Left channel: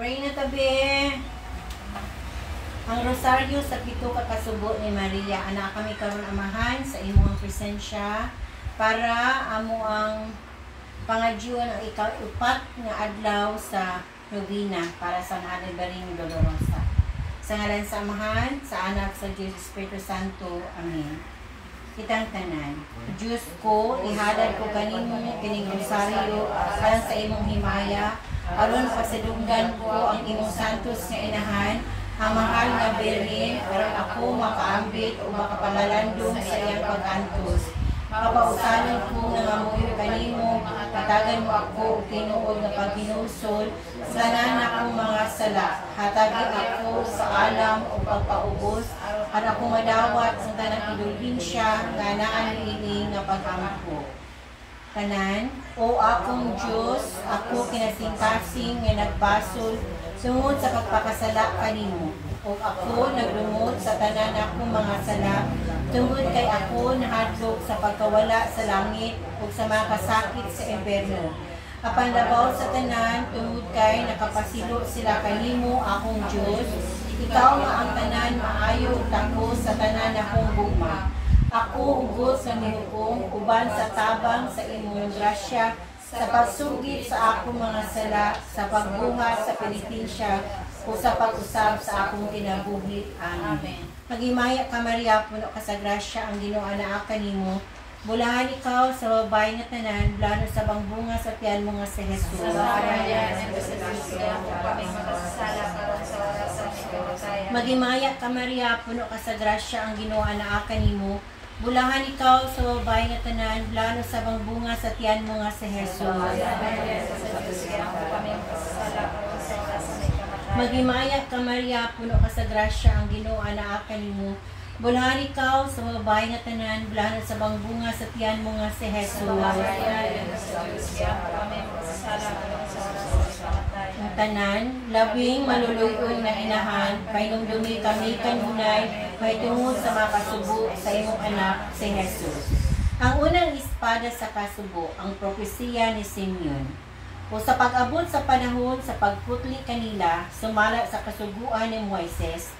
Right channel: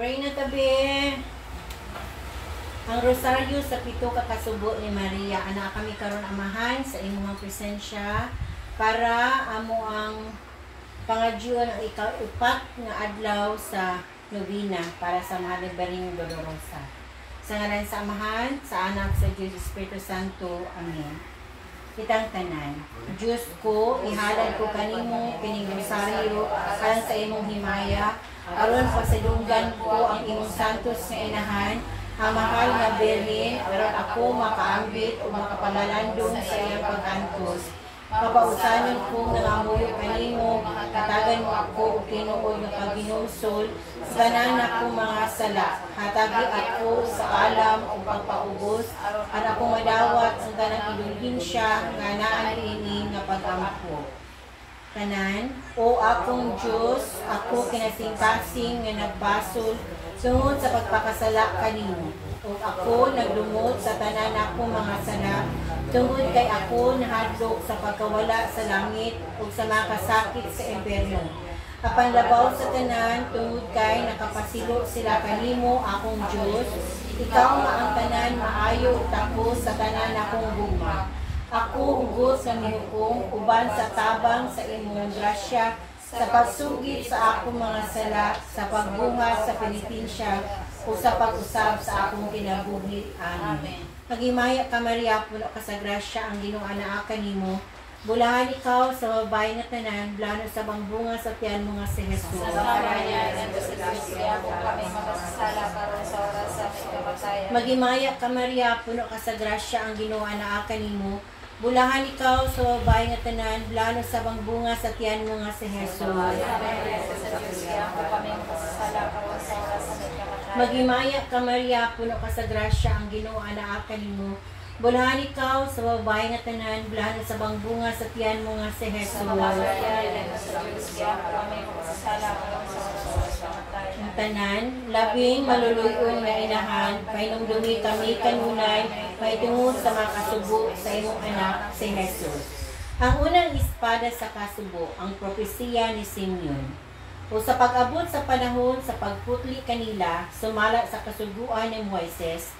Pray na tabi. Ang rosaryo sa pito ka kasugo ni Maria, ana kami karon amahan sa imong presensya para amo ang pangadyon ang ika-upat nga adlaw sa novena para sa Mahal Baring Dolorosa. Sa ngalan sa Amahan, sa Anak, sa Diyos, Espiritu Santo. Amen. Kitang tanan, Diyos ko, ihalad ko kanimo kining rosaryo alang sa imong himaya, aron pasadunggan ko ang imong santos nga inahan, ang mahal nga Birhen, aron ako makaambit o makapalalandong sa iyang pag-antos. Kapausanan ko nangamuyo kanimo, katagan mo ako o tinuod na paghinusol, sa tanan akong mga sala, hatagi ako sa alam o pagpaubos, at ako madawat ang tanang indulgensya nga naan ini nga pag-ampo. Tanan, o akong Diyos, ako kinasingkasing nga nagbasol tungod sa pagpakasala kanimo. O ako naglumot sa tanan akong mga sala, tungod kay ako nahadlok sa pagkawala sa langit o sa mga kasakit sa impyerno. Apan labaw sa tanan, tungod kay nakapasilo sila kanimo akong Diyos, ikaw nga ang tanan maayo tako sa tanan akong gugma. Ako ugos sa miukong uban sa tabang sa imong grasya, sa pagsugid sa akong mga sala, sa pagbuhat sa penitensya, o sa pag-usab sa akong kinabuhi. Amen. Pagimaya ka Maria, puno ka sa grasya, ang Ginoo anaa kanimo. Bulahan ikaw sa babae nga tanan, blano sa bangbunga sa tiyan mo nga si Jesus. Magimaya ka Maria, puno ka sa grasya, ang Ginoo anaa kanimo. Bulahan ikaw sa babae nga tanan, blano sa bangbunga sa tiyan mo nga si Jesus. Magimaya ka Maria, puno ka sa grasya, ang Ginoo anaa kanimo. Bulahan ikaw sa babae nga tanan, blano sa bangbunga sa tiyan mo nga si Jesus. Ang tanan, labing maluluyon nga inahan, painumdumi kami kanunay, may tungod sa mga kasubo sa imong anak si Jesus. Ang unang espada sa kasubo, ang propesiya ni Simeon. O sa pag-abot sa panahon sa pagputli kanila, sumala sa kasuguan ni Moises,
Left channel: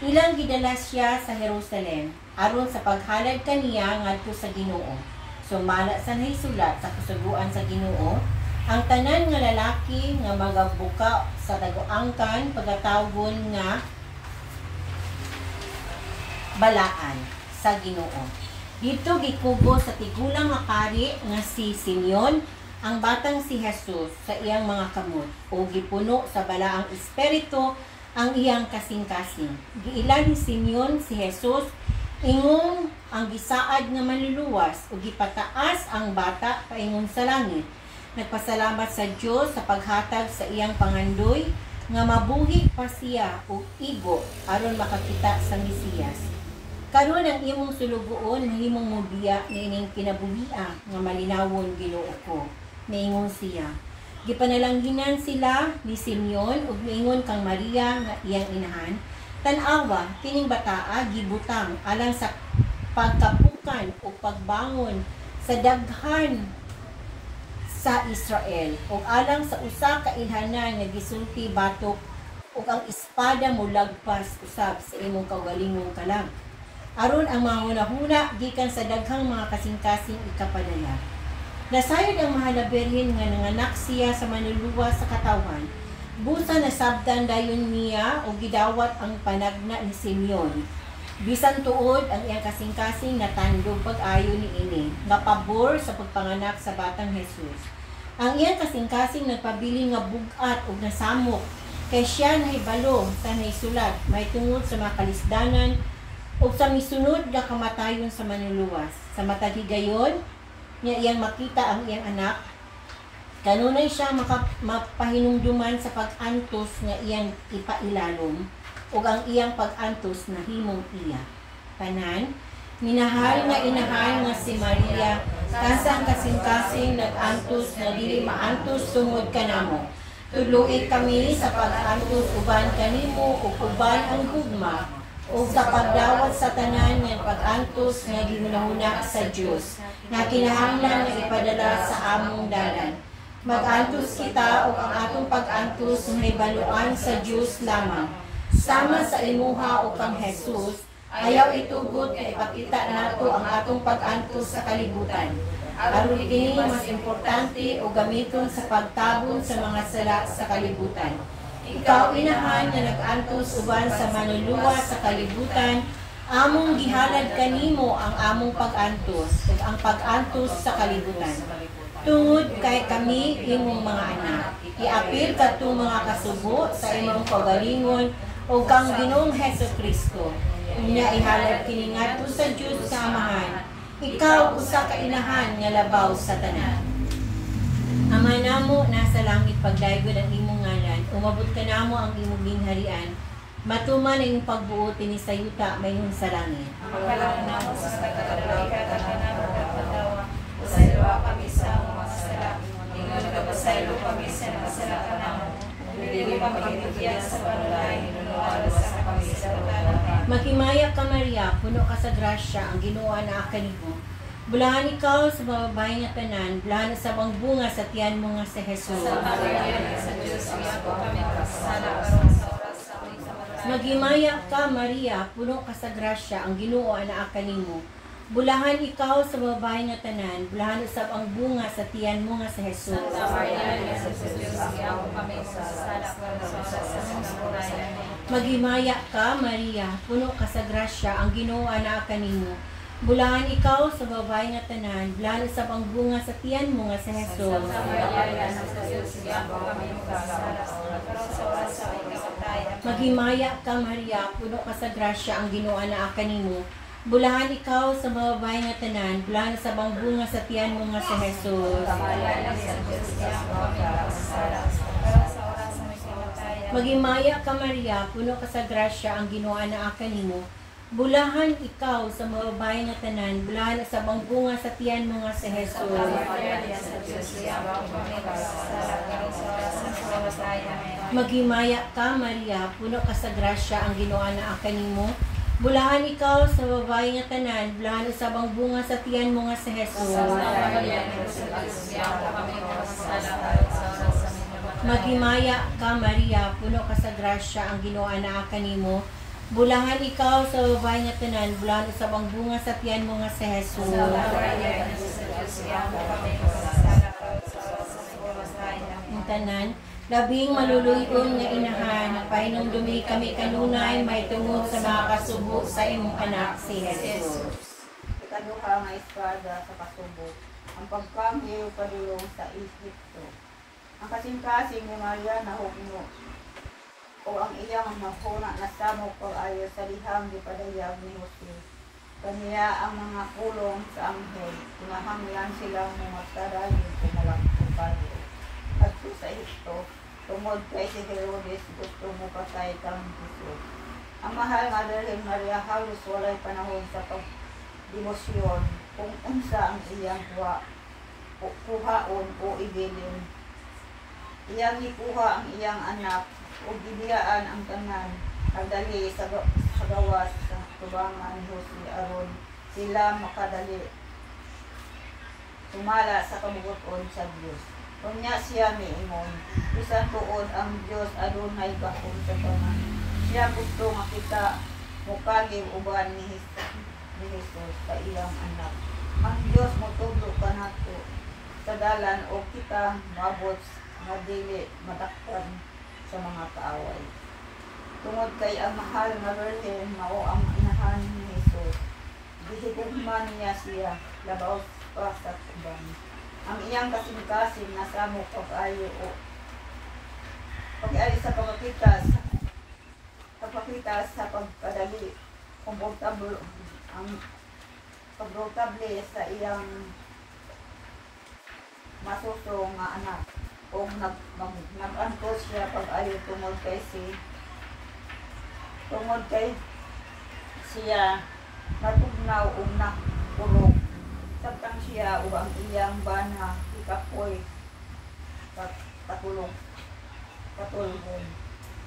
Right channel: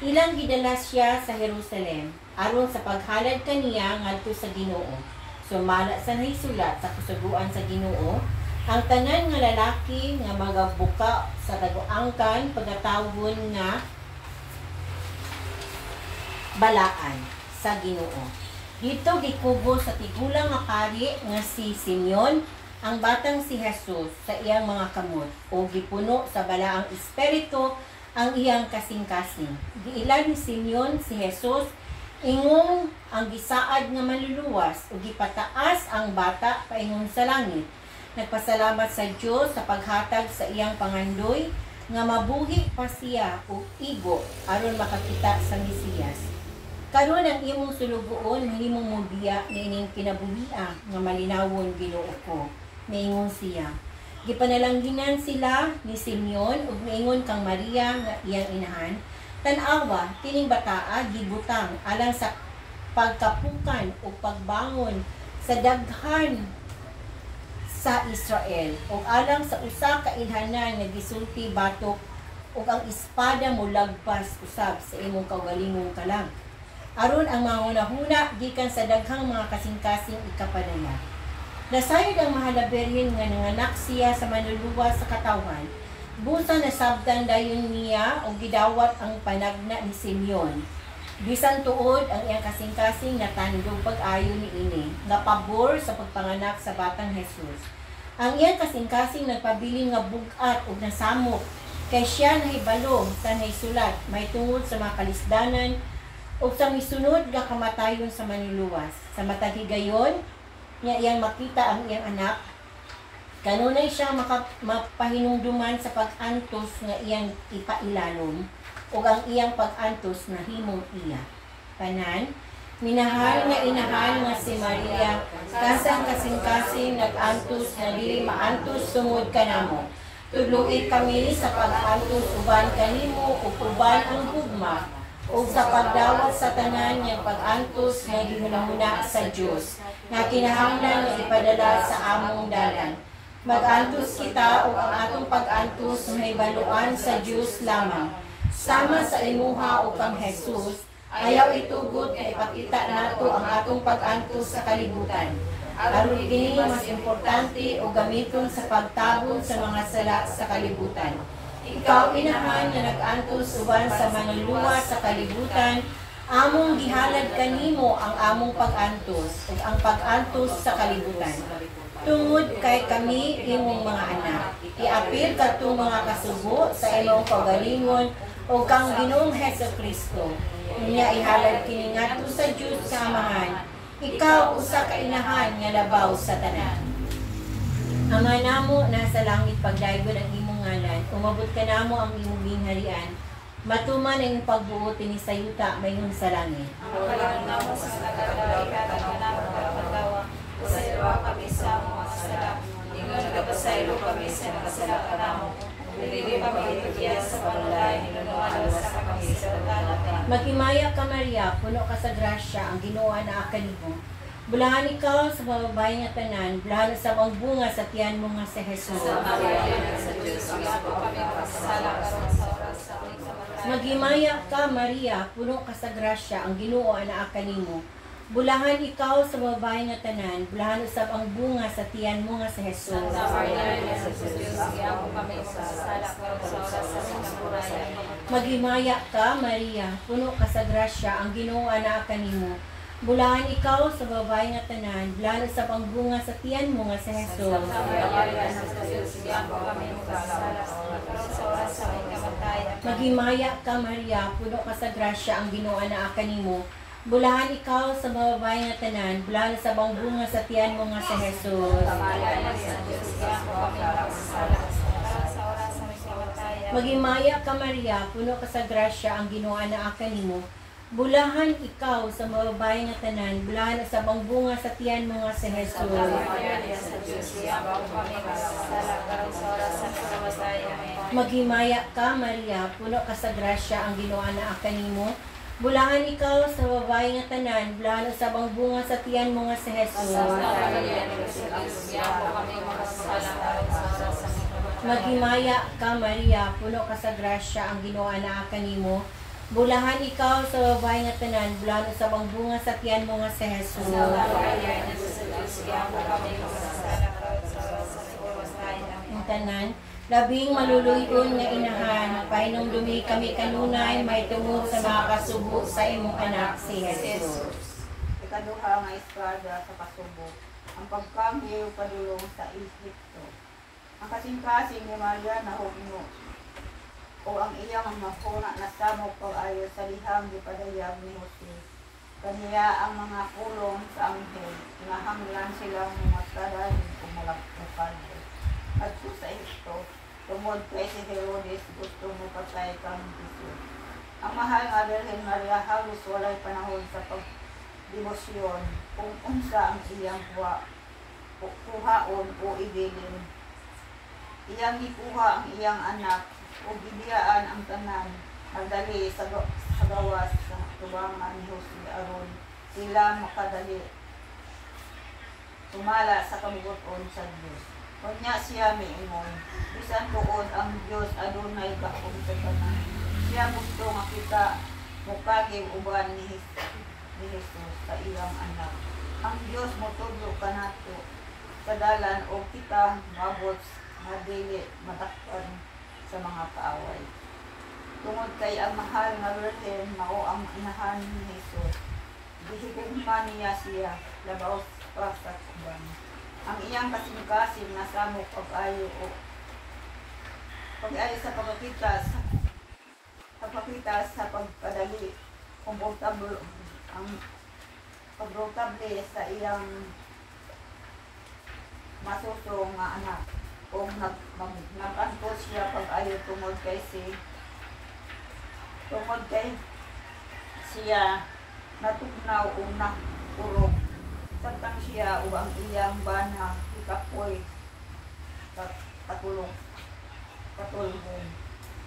ilang gidala siya sa Jerusalem, aron sa paghalad kaniya ngadto sa Ginoo. Sumala sa nahisulat sa kasuguan sa Ginoo, ang tanan nga lalaki nga magabuka sa dagoangkan pagkatawgon nga balaan sa Ginoo. Dito gikubo sa tigulang nga pari nga si Simeon, ang batang si Jesus sa iyang mga kamot, o gipuno sa balaang espiritu ang iyang kasing-kasing. Giilan ni Simeon si Jesus, ingong ang gisaad nga maluluwas, o gipataas ang bata paingon sa langit. Nagpasalamat sa Diyos sa paghatag sa iyang pangandoy, nga mabuhi pa siya o igo aron makakita sa Mesiyas. Karon ang imong sulugoon mahimong mudiya niining kinabuhia nga malinawon Ginoo ko. Naingon siya. Gipanalangginan sila ni Simeon ug naingon kang Maria nga iyang inahan, tan-awa kining bataa gibutang alang sa pagkapukan o pagbangon sa daghan sa Israel ug alang sa usa ka ilhanan nga gisulti batok ug ang espada molagpas usab sa imong kaugalingong kalag. Aron ang mga hunahuna gikan sa daghang mga kasing-kasing ikapadala. Nasayod ang Mahal na Birhen nga nanganak siya sa manluluwas sa katawan. Busa nasabtan dayon niya o gidawat ang panagna ni Simeon. Bisan tuod ang iyang kasing-kasing natandog pag-ayo ni ini, nga pabor sa pagpanganak sa batang Jesus. Ang iyang kasing-kasing nagpabili nga bugat o nasamok, kay siya nahibalo sa naisulat, may tungod sa mga kalisdanan o sa misunod nga kamatayon sa manluluwas. Sa matag higayon, niya iyang makita ang iyang anak, kanunay siya mapahinungduman sa pag-antos nga iyang ipailalom o ang iyang pag-antos na himong iya. Panan, minahal nga inahan nga si Maria, kasang kasing-kasing nag-antos na dili maantos tungod kanamo. Tuluid kami sa pag-antos uban kanimo o uban ang gugma, o sa pagdawat sa tanan nga pag-antos nga ginunahuna sa Dios, nga kinahanglan nga ipadala sa among dalan. Mag-antos kita o ang atong pag-antos may baluan sa Diyos lamang. Sama sa imuha o kang Jesus, ayaw itugod kay ipakita nato ang atong pag-antos sa kalibutan. Aron kini mas importante o gamiton sa pagtabon sa mga sala sa kalibutan. Ikaw inahan nga nag-antos uban sa manluluwa sa kalibutan, among gihalad kanimo ang among pag-antos ug ang pag-antos sa kalibutan. Tungod kay kami imong mga anak, iapil kadtong mga kasubo sa imong kaugalingon o kang Ginoong Hesukristo. Unya ihalad kini ngadto sa Dios sa Amahan. Ikaw usa ka inahan nga labaw sa tanan. Ama namo nasa langit, pagdaygon ang imong ngalan. Umabot ka namo ang imong gingharian. Matuman ang imong pagbuot ni sa yuta mayong sa langit. Ang kalang namo sa katalawikan at kanamo pagpagawa. Usaylo kami sa among mga sala. Ingon ka pasaylo kami sa kasalanan namo. Dili kami itugian sa panulay, hinunuan sa kami sa tanan. Maghimayak ka Maria, puno ka sa grasya, ang Ginoo naa kanimo. Bulahan ikaw sa bababae nga tanan, bulahan sa ang bunga sa tiyan mo nga si Jesus. Sa kabayan sa Diyos, iyapo kami kasala karon sa oras sa aming kamatayan. Maghimayak ka Maria, puno ka sa grasya, ang Ginoo naa kanimo. Bulahan ikaw sa babae nga tanan, bulahan usab ang bunga sa tiyan mo nga si Jesus. Sa kabayan sa Diyos, iyapo kami kasala karon sa oras sa aming kamatayan. Maghimayak ka Maria, puno ka sa grasya, ang Ginoo naa kanimo. Bulahan ikaw sa babae nga tanan, bulahan usab ang bunga sa tiyan mo nga si Jesus. Sa kabayan sa Diyos, iyapo kami kasala karon sa oras sa aming kamatayan. Maghimayak ka Maria, puno ka sa grasya, ang Ginoo naa kanimo. Bulahan ikaw sa babae nga tanan, bulahan usab ang bunga sa tiyan mo nga si Jesus. Sa kabayan sa Diyos, iyapo kami kasala karon sa oras sa aming kamatayan. Maghimayak ka Maria, puno ka sa grasya, ang Ginoo naa kanimo. Bulahan ikaw sa babae nga tanan, bulahan usab ang bunga sa tiyan mo nga si Jesus. Maghimayak ka Maria, puno ka sa grasya, ang Ginoo naa kanimo. Bulahan ikaw sa babae nga tanan, bulahan usab ang bunga sa tiyan mo nga si Jesus. Maghimayak ka Maria, puno ka sa grasya, ang Ginoo naa kanimo. Bulahan ikaw sa babae nga tanan, bulahan usab ang bunga sa tiyan mo nga si Jesus. Ang tanan, labing maluluyon nga inahan, pahinumdumi kami kanunay, may tungod sa mga kasubo sa imong anak si Jesus. Ikaduha nga espada sa kasubo, ang pagkanghiw padulong sa Egypto. Ang kasing-kasing ni Maria na hugno, o ang iyang mahuna na samok o ayo sa lihang gipadayag ni Jose. Kaniya ang mga kulong sa anghel, kinahanglan silang mga tarahin o malaktukan. At sa ito, tumod kay si Herodes gusto mo patay kang Jesus. Ang mahal nga Virgen Maria halos walay panahon sa pagdemosyon kung unsa ang iyang kuhaon o igilin. Iyang ikuha ang iyang anak o gidiyaan ang tanan, nagdali sa gawas sa tubangan ni Jose aron sila makadali tumala sa kabubuton sa Diyos. Kunya siya miingon, bisan tuod ang Diyos adunay gahom sa tanan. Siya gusto makita mukagib uban ni Jesus sa iyang anak. Ang Diyos motudo kanato sa dalan o kita mabot nga dili matakpan sa mga kaaway. Tungod kay ang mahal nga Virgen mao ang inahan ni Jesus. Gihigugma niya siya labaw pa sa kubang. Ang iyang kasing-kasing nasamo pag-ayo o pag-ayo sa pagpapitas sa pagkadali komportable ang komportable sa iyang masusong nga anak o nag-antos siya pag-ayo tungod kay siya natugnaw o nakurog tantang siya o ang iyang bana ikapoy katulong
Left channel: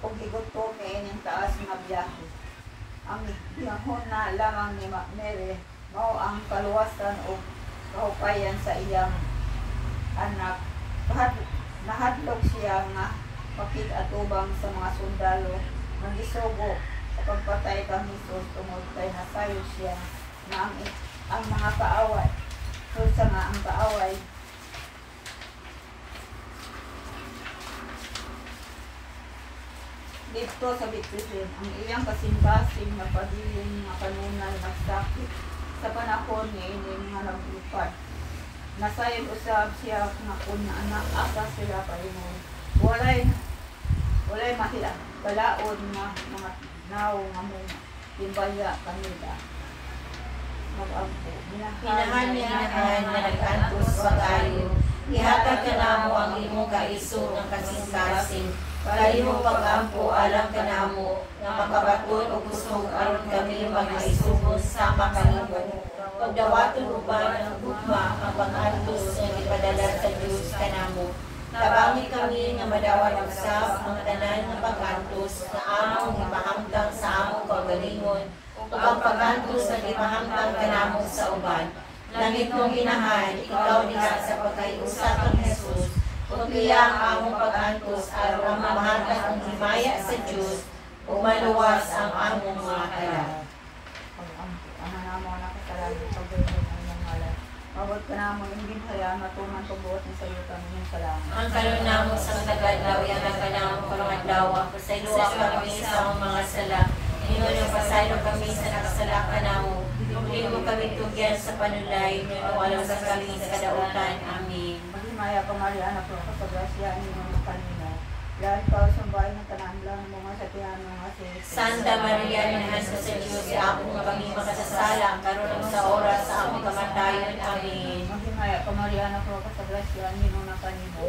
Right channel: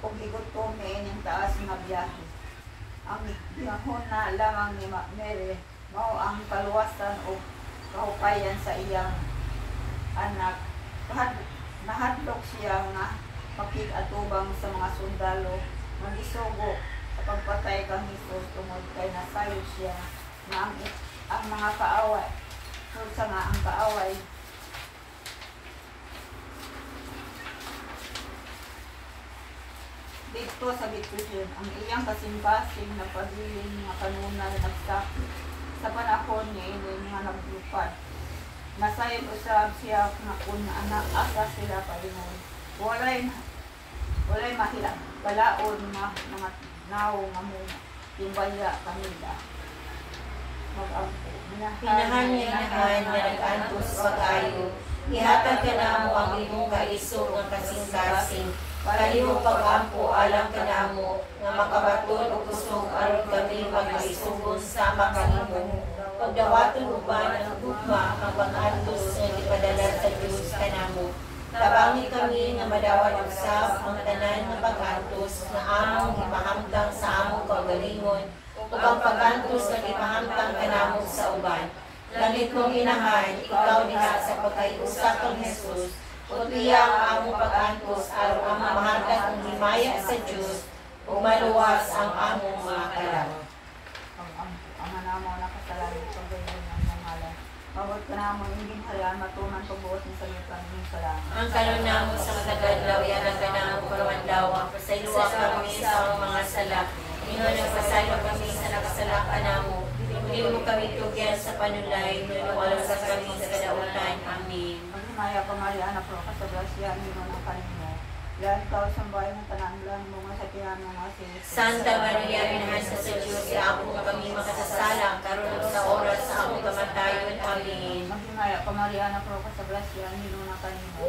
o gigutom na inyong taas nga biyahe. Ang biyahon na lamang ni Mary mao ang kaluwasan o kahupayan sa iyang anak nahadlok siya nga pakig-atubang sa mga sundalo nagisugo sa pagpatay kang Hesus tungod kay nasayo siya na ang mga kaaway sa nga ang kaaway dito sa Bethlehem ang iyang kasimbasing na pabiling mga kanunay nagsakit sa panahon ni ini nga naglupad. Nasayon usab siya nga kun anak asa sila palingon. Walay mahila balaod nga mga nawo nga muna timbaya kanila. Mag-ampo. Pinahan niya na nag-antos pag-ayo. Ihatag ka namo ang imong kaisog ng kasing-kasing. Kalimo pag-ampo alam ka namo nga makabaton o kusog aron kami mag-isugon sama kanimo. Pagdawaton uban ang gugma ang pag-antos nga ipadala sa Dios kanamo. Tabangi kami nga madawan usab ang tanan nga pag-antos nga among ipahamtang sa among kagalingon ug ang pag-antos nga ipahamtang kanamo sa uban. Langit mong inahan, ikaw diha sa pagkaiusa kang Hesus, ug iya ang among pag-antos aron ang mamahatag ang himaya sa Dios ug maluwas ang among mga kalang. Pag-ampo, ana namo nakasalanan sa gayud ang nangalan. Mabot ka namo ingin harian matuman pagbuot ni sa iyo kami salamat. Ang karon namo sa tagadlaw yan ang kanamo pagmadlaw, pasayloa kami sa among mga sala. Ingon ang pasaylo kami sa nakasalakan namo. Hindi mo kami tugyan sa panulay, nanuwalang sa kami sa kadautan. Amen. Paghinaya pa Maria, anak ko sa grasya, hindi mo ng kanina. Yan ka sa bahay ng tanan lang, mga sakyan mga sinis. Santa Maria, minahan sa Diyos, iapon mo kami makasasala, karon sa oras sa among kamatayon. Amen. Paghinaya pa Maria, anak ko sa grasya, hindi mo ng kanina.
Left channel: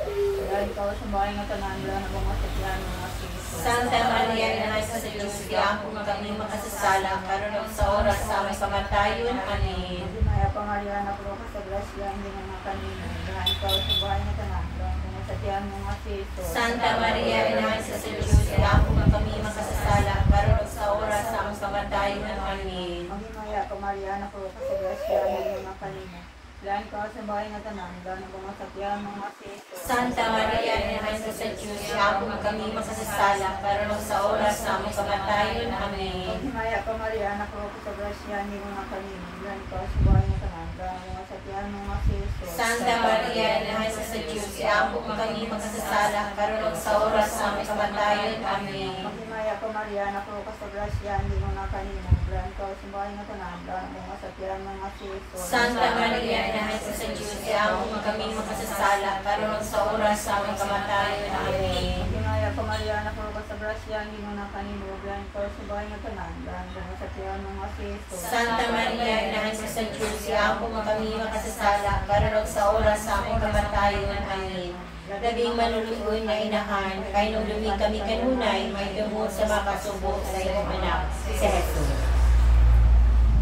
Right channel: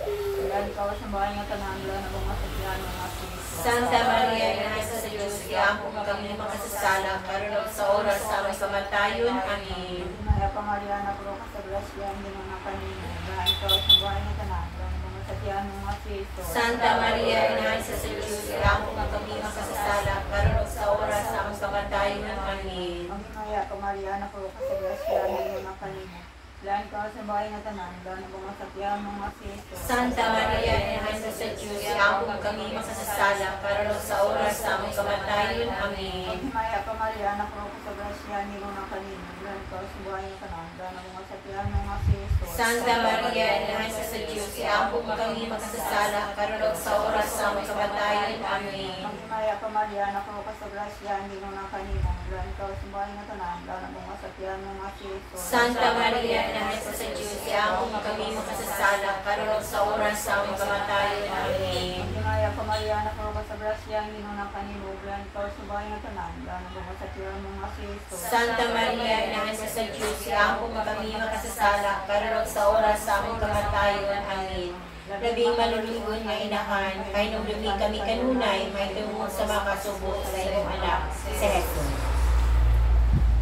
Yan ka sa bahay ng tanan lang, mga sakyan mga sinis. Santa Maria, minahan sa Diyos, iapon mo kami makasasala, karon sa oras sa among kamatayon. Amen. Paghinaya pa Maria, anak ko sa grasya, hindi mo ng kanina. Yan ka sa bahay ng tanan lang, mga sakyan mga sinis. Santa Maria, inahan sa Diyos, iapon mo kami makasasala, karon sa oras sa among kamatayon. Amen. Ang hinaya pa Maria, anak ko sa grasya, hindi mo ng kanina. Yan ka sa bahay ng tanan lang, mga sakyan mga sinis. Santa Maria, inahan sa Diyos, iapon mo kami makasasala, karon sa oras sa among kamatayon. Amen. Himaya pa Maria, anak ko sa grasya, hindi mo ng kanina. Yan ka sa bahay ng tanan lang, mga sakyan mga sinis. Santa Maria, inahan sa Diyos, iapon mo kami makasasala, karon sa oras sa among kamatayon. Amen. Himaya pa Maria, anak ko sa grasya, hindi mo ng kanina. Yan ka sa bahay ng tanan lang, mga sakyan mga sinis. Santa Maria, inahan sa Diyos, iapon mo kami makasasala, karon sa oras sa among kamatayon. Amen. Himaya pa Maria, anak ko sa grasya, hindi mo ng kanina. Yan ka sa bahay ng tanan lang, mga sakyan mga sinis. Santa Maria, inahan sa Diyos, iapon mo kami makasasala, karon sa oras sa among kamatayon. Amen. Labing manulugon nga inahan, kay nung lumig kami kanunay, may tungod sa makasubo sa iyong anak, si Jesus.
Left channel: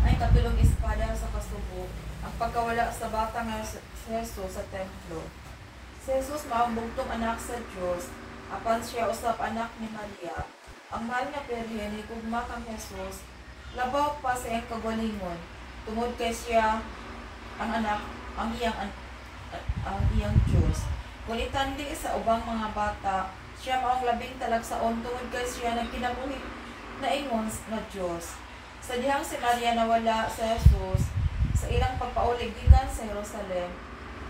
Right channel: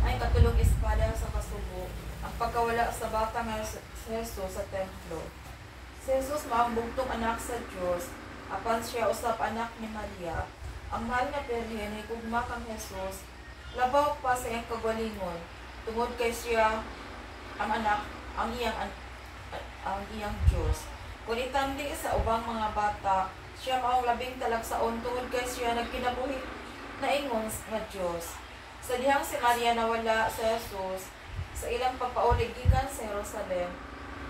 Ay katulong espada sa kasubo, ang pagkawala sa bata nga si Jesus sa templo. Si Jesus maambugtong anak sa Diyos, apan siya usap anak ni Maria. Ang mahal niya perhen ay gugma kang Jesus, labaw pa sa iyang kagalingon, tungod kay siya ang anak, ang iyang Diyos. Kung itandi sa ubang mga bata, siya maong labing talagsaon tungod kay siya nagkinabuhi na ingon na Diyos. Sa dihang si Maria nawala sa Jesus, sa ilang pagpaulig gikan sa Jerusalem,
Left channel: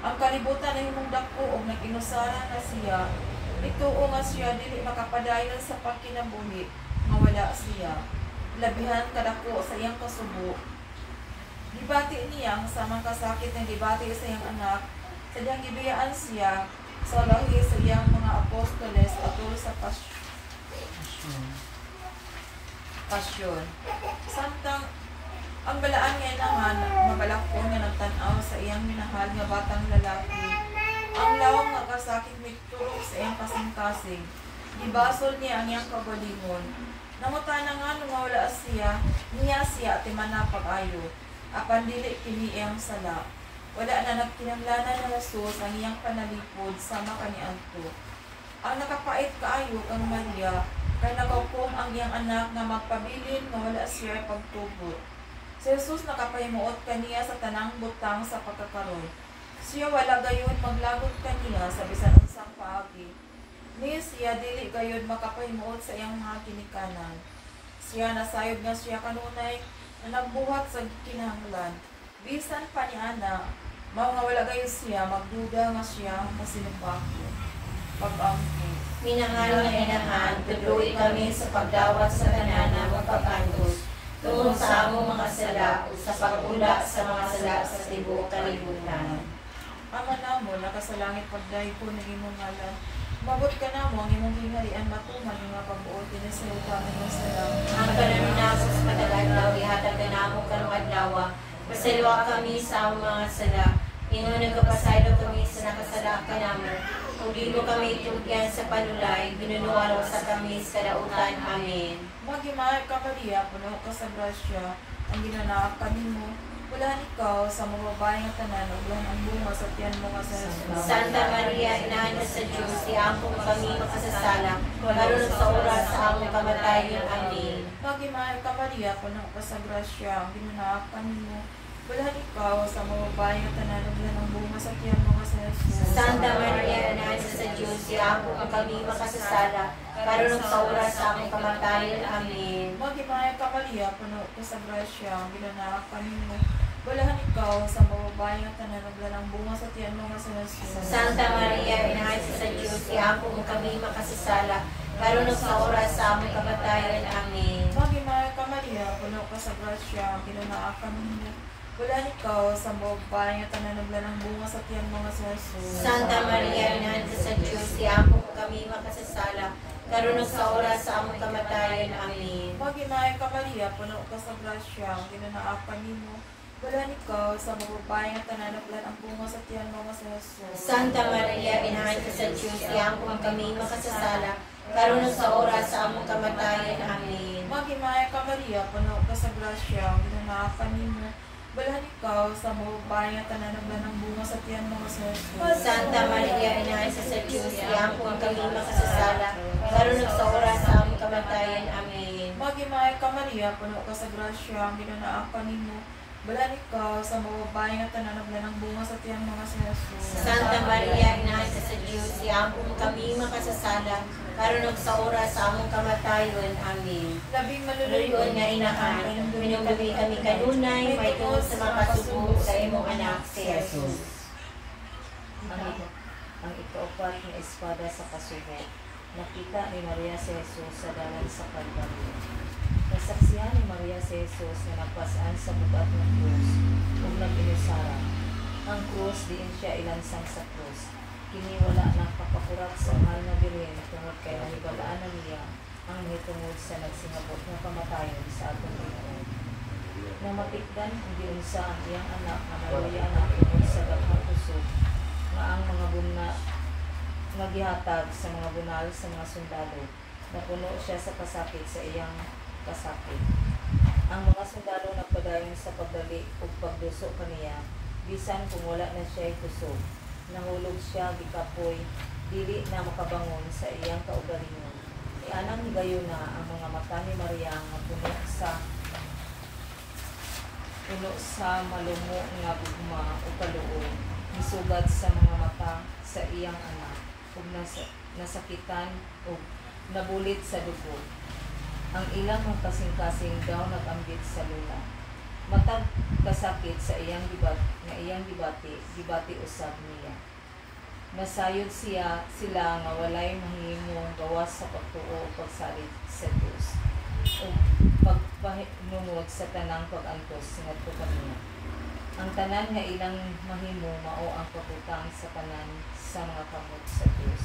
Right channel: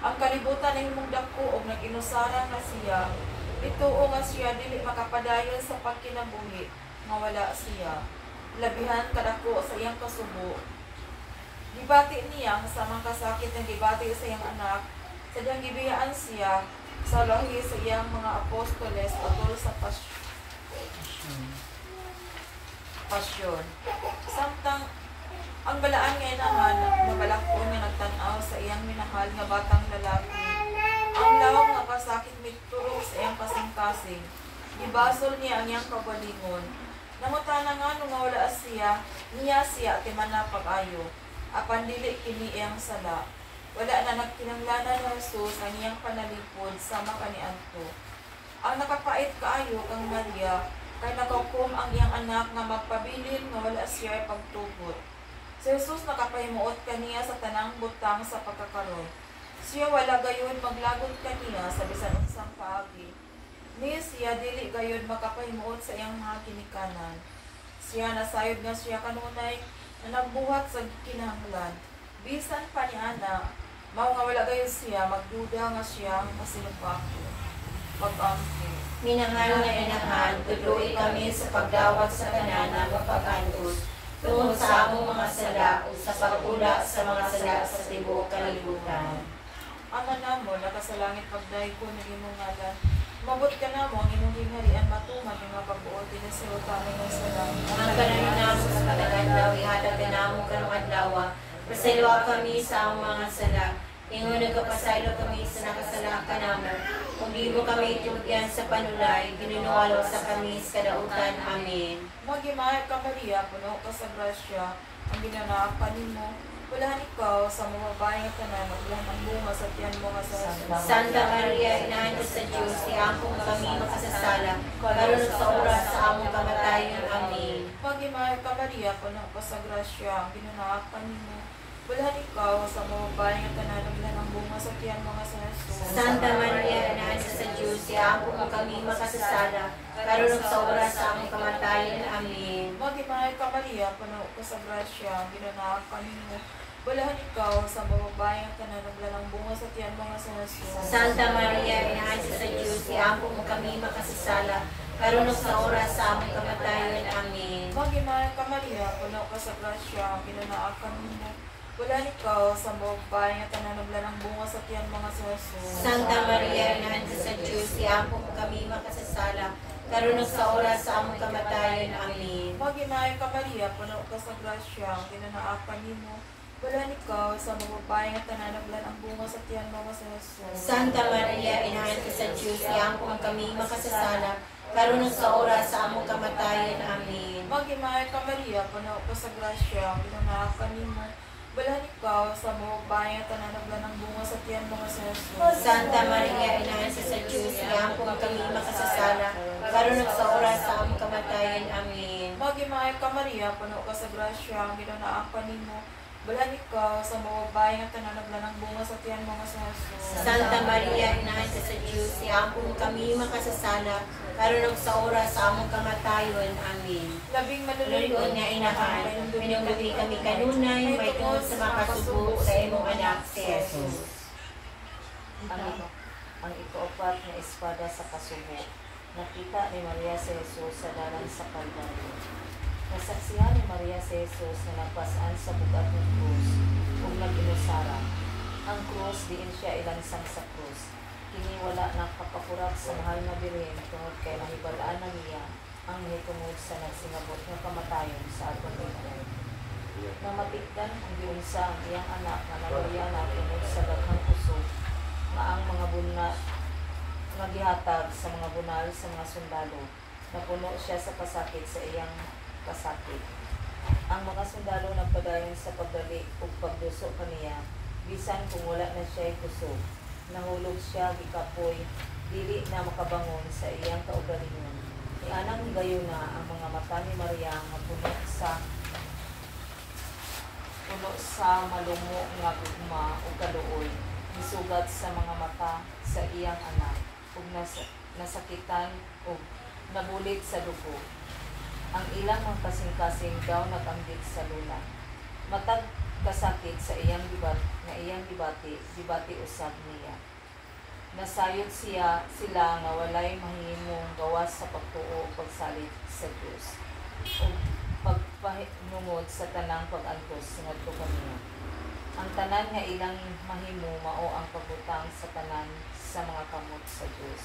ang kalibutan ni himong dako og nag-inusaran na siya, ituo nga siya dili makapadayon sa pagkinabuhi nga wala siya. Labihan kadako sa iyang kasubo. Dibati niya sa mga kasakit ng dibati sa iyang anak, sa diyang gibiyaan siya sa lahi sa iyang mga apostoles atol sa pasyon. Samtang ang galaan nga naman mabalako nga nagtanaw sa iyang minahal nga batang lalaki, ang lawang nga kasakit mitulog sa iyang kasing-kasing, gibasol niya ang iyang kagalingon. Nangutana nga nung wala siya, niya siya at imanapag ayo, apan dili kini iyang sala. Wala na nagkinahanglanan na Jesus ang iyang panalipod sama kaniadto. Ang nakapait kaayo kang Maria, kay nagaukom ang iyang anak nga magpabilin nga wala siya pagtubot. Si Jesus nakapahimuot kaniya sa tanang butang sa pagkakaroy. Siya wala gayon maglagod kaniya sa bisan unsang paagi. Ni siya dili gayon makapahimuot sa iyang mga kinikanan. Siya nasayod nga siya kanunay na nagbuhat sa kinahanglan. Bisan pa ni ana, mao nga wala gayon siya magduda nga siya masinumpako. Pag-angkin. Minahal nga inahan, tuloy kami sa pagdawat sa tanan na magpakantos, tungod sa among mga sala o sa pagula sa mga sala sa tibuok kalibutan. Ano namo, nakasalangit pagdahi ko ng imong ngalan. Mabot ka namo, ang imong hingharian matuman, yung mga pagbuot, tinasalutan ng mga sala. Ang kanon namo sa patagadlaw, ihatag ka namo karong adlaw, pasalwa kami sa among mga sala, ingon nagkapasaylo kami sa nakasala ka namo. Kung di mo kami itugyan sa panulay, binunuwalo sa kami sa kadautan. Amen. Maghimayag ka Maria, puno ka sa grasya, ang ginanaak ka nimo. Walahan ikaw sa mababae nga tanan, uglan ang bunga sa tiyan mo nga sa Jesus. Santa Maria, Inahan sa Diyos, iampo kami makasasala, karon sa oras sa among kamatayon. Amen. Maghimayag ka Maria, puno ka sa grasya, ang ginanaak ka nimo. Walahan ikaw sa mababae nga tanan, uglan ang bunga sa tiyan mo nga sa Jesus. Santa Maria, Inahan sa Diyos, iampo kami makasasala, karon sa oras sa among kamatayon. Amen. Maghimayag ka Maria, puno ka sa grasya, ang ginanaak ka nimo. Walahan ikaw sa mababae nga tanan, uglan ang bunga sa tiyan mo nga sa Jesus. Santa Maria, Inahan sa Diyos, iampo kami makasasala, karon sa oras sa among kamatayon. Amen. Maghimayag ka Maria, puno ka sa grasya, ang ginanaak ka nimo. Walahan ikaw sa mababae nga tanan, uglan ang bunga sa tiyan mo nga sa Jesus. Santa Maria, Inahan sa Diyos, iampo kami makasasala, karon sa oras sa among kamatayon. Amen. Maghimayag ka Maria, puno ka sa grasya, ang ginanaak ka nimo. Walahan ikaw sa mababae nga tanan, uglan ang bunga sa tiyan mo nga sa Jesus. Santa Maria, Inahan sa Diyos, iampo kami makasasala, karon sa oras sa among kamatayon. Amen. Maghimayag ka Maria, puno ka sa grasya, ang ginanaak ka nimo. Walahan ikaw sa mababae nga tanan, uglan ang bunga sa tiyan mo nga sa Jesus. Santa Maria, Inahan sa Diyos, iampo kami makasasala, karon sa oras sa among kamatayon. Amen. Maghimayag ka Maria, puno ka sa grasya, ang ginanaak ka nimo. Walahan ikaw sa mababae nga tanan, uglan ang bunga sa tiyan mo nga sa Jesus. Santa Maria, Inahan sa Diyos, iampo kami makasasala, karon sa oras sa among kamatayon. Amen. Labing Luluyon nga inahan, minumdumi kami kanunay, may tungod sa mga kasubo sa imong anak si Jesus. Ang ikaapat na espada sa kasubo. Nakita ni Maria si Jesus sa dalan sa Kalbaryo. Nasaksihan ni Maria si Jesus na napasaan sa bugat ng krus ug nag-inusara. Ang krus diin siya ilansang sa krus. Kini wala na kapakurat sa mahal na bilhin tungod kay nahibalaan na niya ang nahitungod sa nagsingabot nga kamatayon sa atong Ginoo. Namatikdan ang giunsa ang iyang anak nga naluya na tungod sa daghang kusog nga ang mga buna nga gihatag sa mga bunal sa mga sundalo. Napuno siya sa kasakit sa iyang kasakit. Ang mga sundalo nagpadayon sa pagbalik ug pagduso kaniya bisan kung wala na siya kusog. Nahulog siya gikapoy dili na makabangon sa iyang kaugalingon. Anang gayon na ang mga mata ni Maria nga puno sa malumo nga gugma o kaluoy, misugat sa mga mata sa iyang anak ug nasakitan ug nabulit sa dugo. Ang ilang mga kasing-kasing daw nagambit sa lula. Matag kasakit sa iyang gibati usab niya. Nasayod sila nga walay mahimong gawas sa pagtuo o pagsalit sa Dios o pagpanungod sa tanang pag-antos ngadto kaniya. Ang tanan nga ilang mahimo mao ang pagutang sa tanan sa mga kamot sa Dios.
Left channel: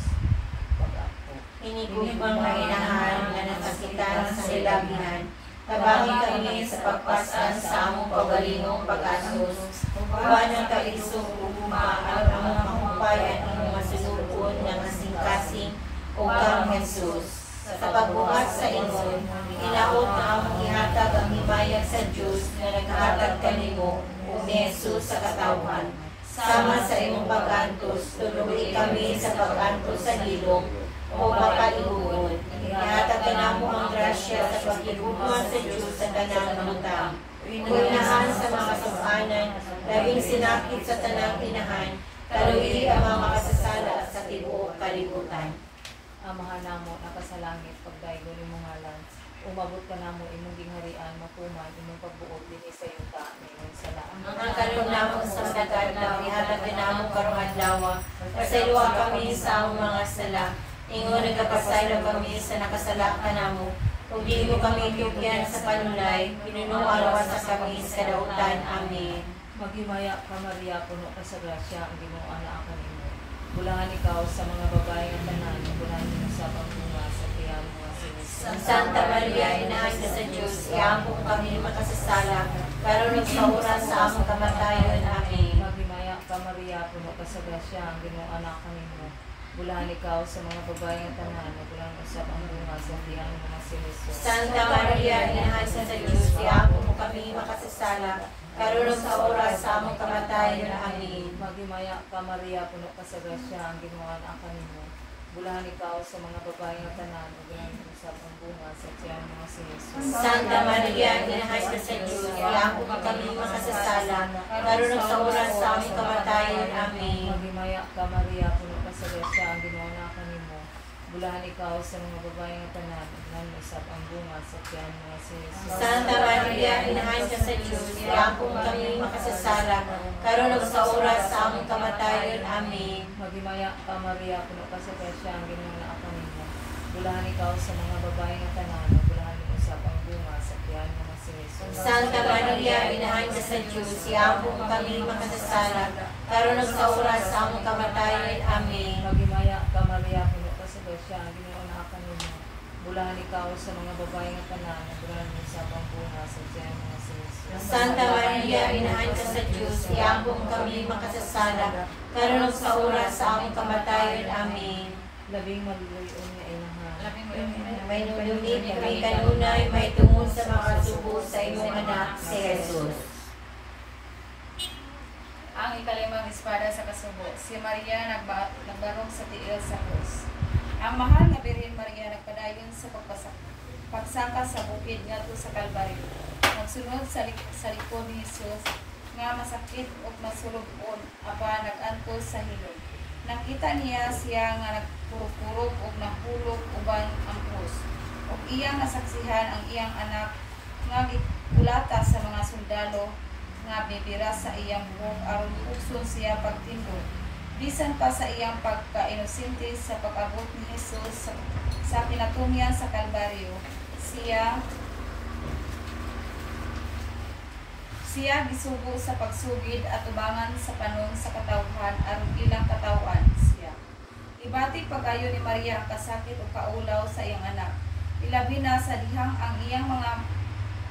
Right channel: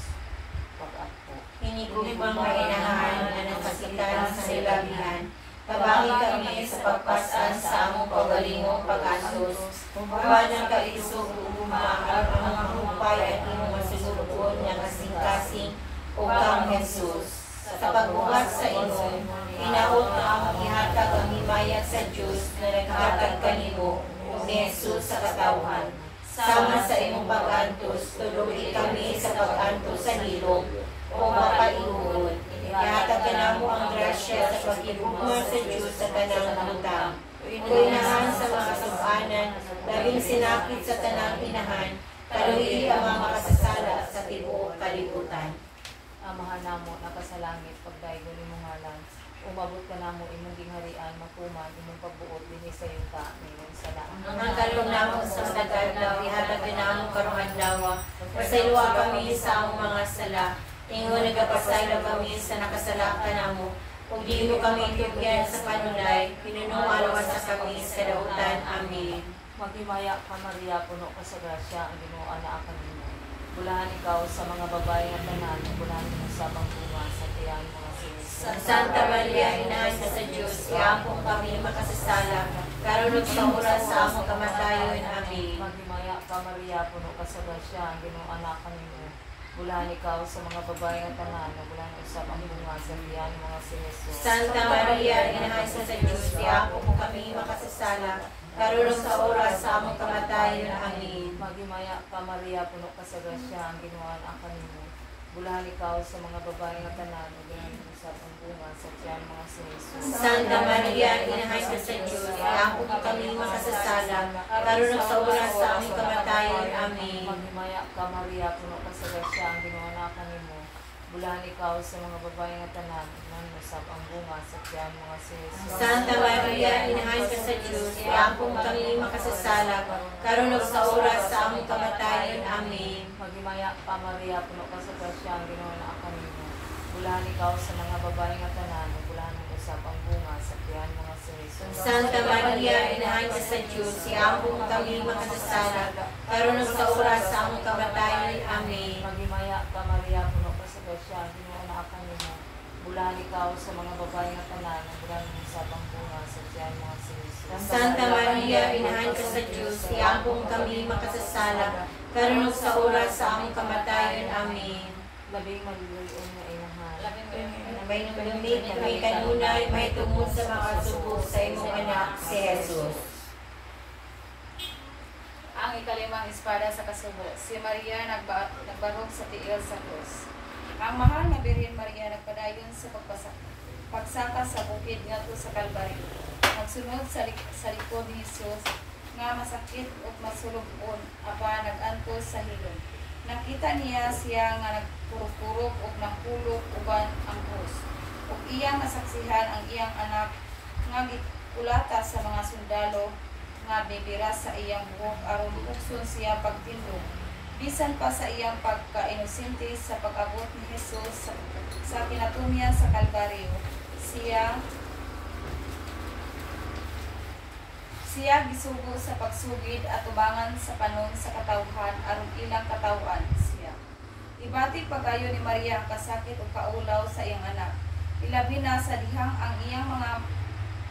Pag-ato. Inigubang mga inahan na nasakitan sa ilabihan, kabangi kami sa pagpasan sa among pagbalingong pag-antos, uban ang kaisog uguma ang among mahumpay at imong masunugod ng kasing-kasing o kang Jesus. Sa pagbuhat sa ingon, inaot na among ihatag ang himayag sa Diyos na naghatag kanimo o ni Jesus sa katawhan. Sama sa imong pag-antos, tulubi kami sa pag-antos sa hilog o mapalihod. Ihatag ka namo ang grasya sa pagigugma sa Diyos sa tanang utang. Unahan sa mga subanan, labing sinakit sa tanang inahan, umabot ka namo imong gingharian makuman imong pagbuot dinhi sa iyong kaningon sa daan. Ang kalong namo sa sagad na pihatag namo karong adlaw. Pasayloa kami sa among mga sala. Ingon nagapasaylo kami sa nakasala ka namo. Ug di mo kami tugyan sa panulay, pinunuan sa kami sa kadautan. Amen. Maghimaya ka Maria, puno ka sa grasya, ang Ginoo anak kanimo. Bulahan ikaw sa mga babae nga tanan, bulahan mo sa pagpunga sa tiyan mga sinis. Santa Maria, Inahan ka sa Diyos, iambong kami makasasala, karunod sa oras sa among kamatayon. Amen. Maghimaya ka Maria, puno ka sa grasya, ang Ginoo anak kanimo. Bulahan ikaw sa mga babae nga tanan, bulahan mo sa pagpunga sa tiyan mga sinis. Santa Maria, Inahan ka sa Diyos, iambong mo kami makasasala, karunod sa oras sa among kamatayon. Amen. Maghimaya ka Maria, puno ka sa grasya, ang Ginoo anak kanimo. Bulahan ikaw sa mga babae nga tanan, bulahan mo sa pagpunga sa tiyan mga sinis. Santa Maria, Inahan ka sa Diyos, iambong mo kami makasasala, karunod sa oras sa among kamatayon. Amen. Maghimaya ka Maria, puno ka sa grasya, ang Ginoo anak kanimo. Bulahan ikaw sa mga babae nga tanan, bulahan mo sa pagpunga sa tiyan mga sinis. Santa Maria, Inahan ka sa Diyos, iambong mo kami makasasala, karunod sa oras sa among kamatayon. Amen. Maghimaya ka Maria, puno ka sa grasya, ang Ginoo anak kanimo. Bulahan ikaw sa mga babae nga tanan, bulahan mo sa pagpunga sa tiyan mga sinis. Santa Maria, Inahan ka sa Diyos, iambong mo kami makasasala, karunod sa oras sa among kamatayon. Amen. Maghimaya ka Maria, puno ka sa grasya, ang Ginoo anak kanimo. Bulahan ikaw sa mga babae nga tanan, bulahan mo sa pagpunga sa tiyan mga sinis. Santa Maria, Inahan ka sa Diyos, iambong mo kami makasasala, karunod sa oras sa among kamatayon. Amen. Labing maluloy-on nga inahan. Labing mo yung May nulunit, may kanunay, may tungod sa mga subo sa imong anak, si Jesus. Ang ikalimang espada sa kasubo, si Maria nagbarog sa tiil sa krus. Ang mahal na Birhen Maria nagpadayon sa pagsaka sa bukid ngadto sa Kalbaryo. Nagsunod sa likod ni Jesus nga masakit ug masulubon apan nagantos sa hilom. Nakita niya siya nga nagpurok-purok ug nahulog uban ang krus. Ug iyang nasaksihan ang iyang anak nga gikulata sa mga sundalo nga bibira sa iyang buhok aron ukson siya pagtindog. Bisan pa sa iyang pagka-inosente sa pag-abot ni Jesus sa pinatumian sa Kalbaryo, siya gisugo sa pagsugid at ubangan sa panon sa katawhan aron ilang katawan siya. Ibati pagayo ni Maria ang kasakit o kaulaw sa iyang anak. Ilabi na sa dihang ang iyang mga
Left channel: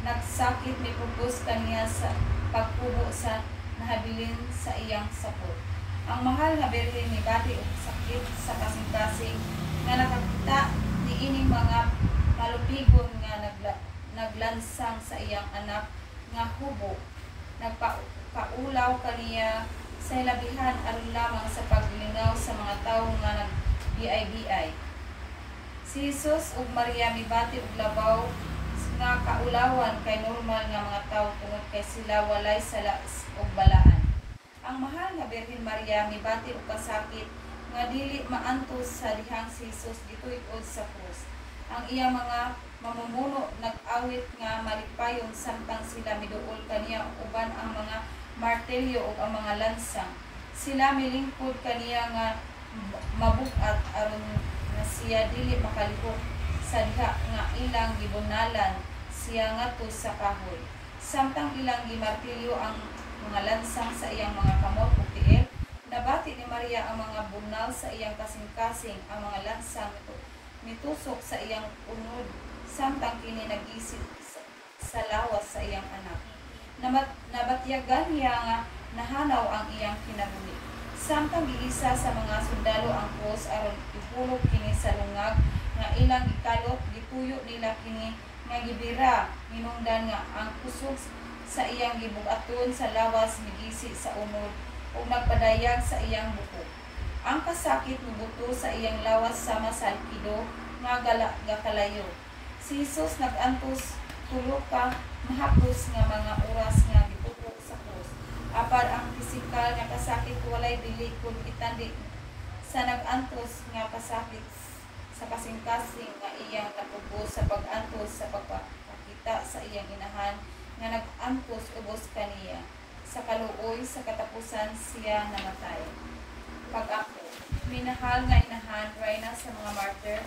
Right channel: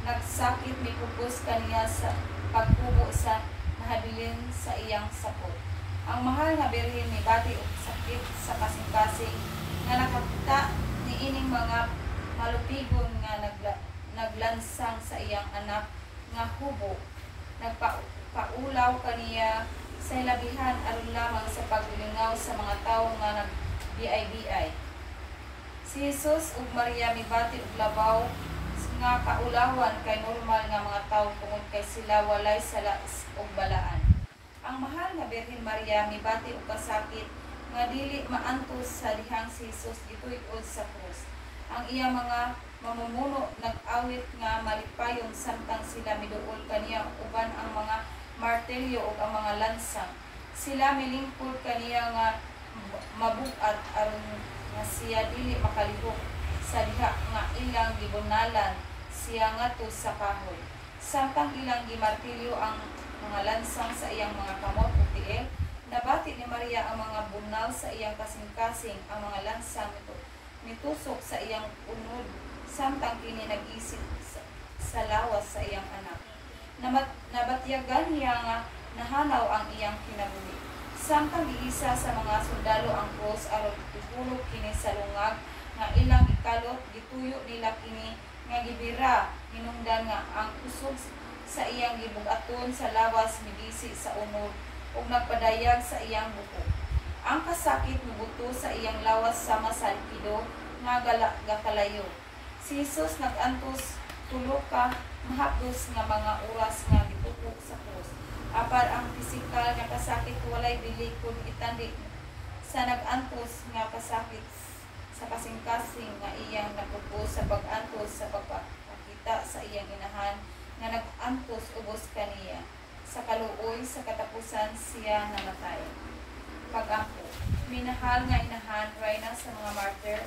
nagsakit ni pupus kaniya sa pagkubo sa nahabilin sa iyang sapot. Ang mahal na Birhen ni bati og sakit sa kasing-kasing nga nakakita ni ining mga malupigon nga naglansang sa iyang anak nga kubo. Nagpaulaw kaniya sa labihan aron lamang sa paglingaw sa mga tawo nga nag-biay-biay. Si Jesus ug Maria mibati og labaw nga kaulawan kay normal nga mga tawo tungod kay sila walay salas og balaan. Ang mahal nga Birhen Maria mibati og kasakit nga dili maantos sa dihang si Jesus gituy-od sa krus. Ang iya mga mamumuno nag-awit nga malipayon samtang sila miduol kaniya uban ang mga martelyo ug ang mga lansang. Sila milingkod kaniya nga mabukat aron nga siya dili makalihok sa diha nga ilang gibunalan siya ngadto sa kahoy. Samtang ilang gimartilyo ang mga lansang sa iyang mga kamot ug tiil, nabati ni Maria ang mga bunal sa iyang kasing-kasing, ang mga lansang mitusok sa iyang unod, samtang kini nag-isip sa lawas sa iyang anak. Nabatyagan niya nga nahanaw ang iyang kinabuhi. Samtang giisa sa mga sundalo ang krus aron ipulog kini sa lungag nga ilang ikalot, gituyo nila kini nga gibira, minungdan nga ang kusog sa iyang gibugaton sa lawas migisi sa unod ug nagpadayag sa iyang buko. Ang kasakit mubuto sa iyang lawas sama sa alpido nga gakalayo. Si Jesus nagantos tulo ka mahapos nga mga oras nga giputok sa krus. Apad ang pisikal nga kasakit walay dili kun itandi sa nagantos nga kasakit sa kasing-kasing nga iyang napugos sa pag-antos sa pagpakita sa iyang inahan nga nag-antos ubos kaniya. Sa kaluoy sa katapusan siya namatay. Pag-ako, minahal nga inahan, rayna sa mga martyr,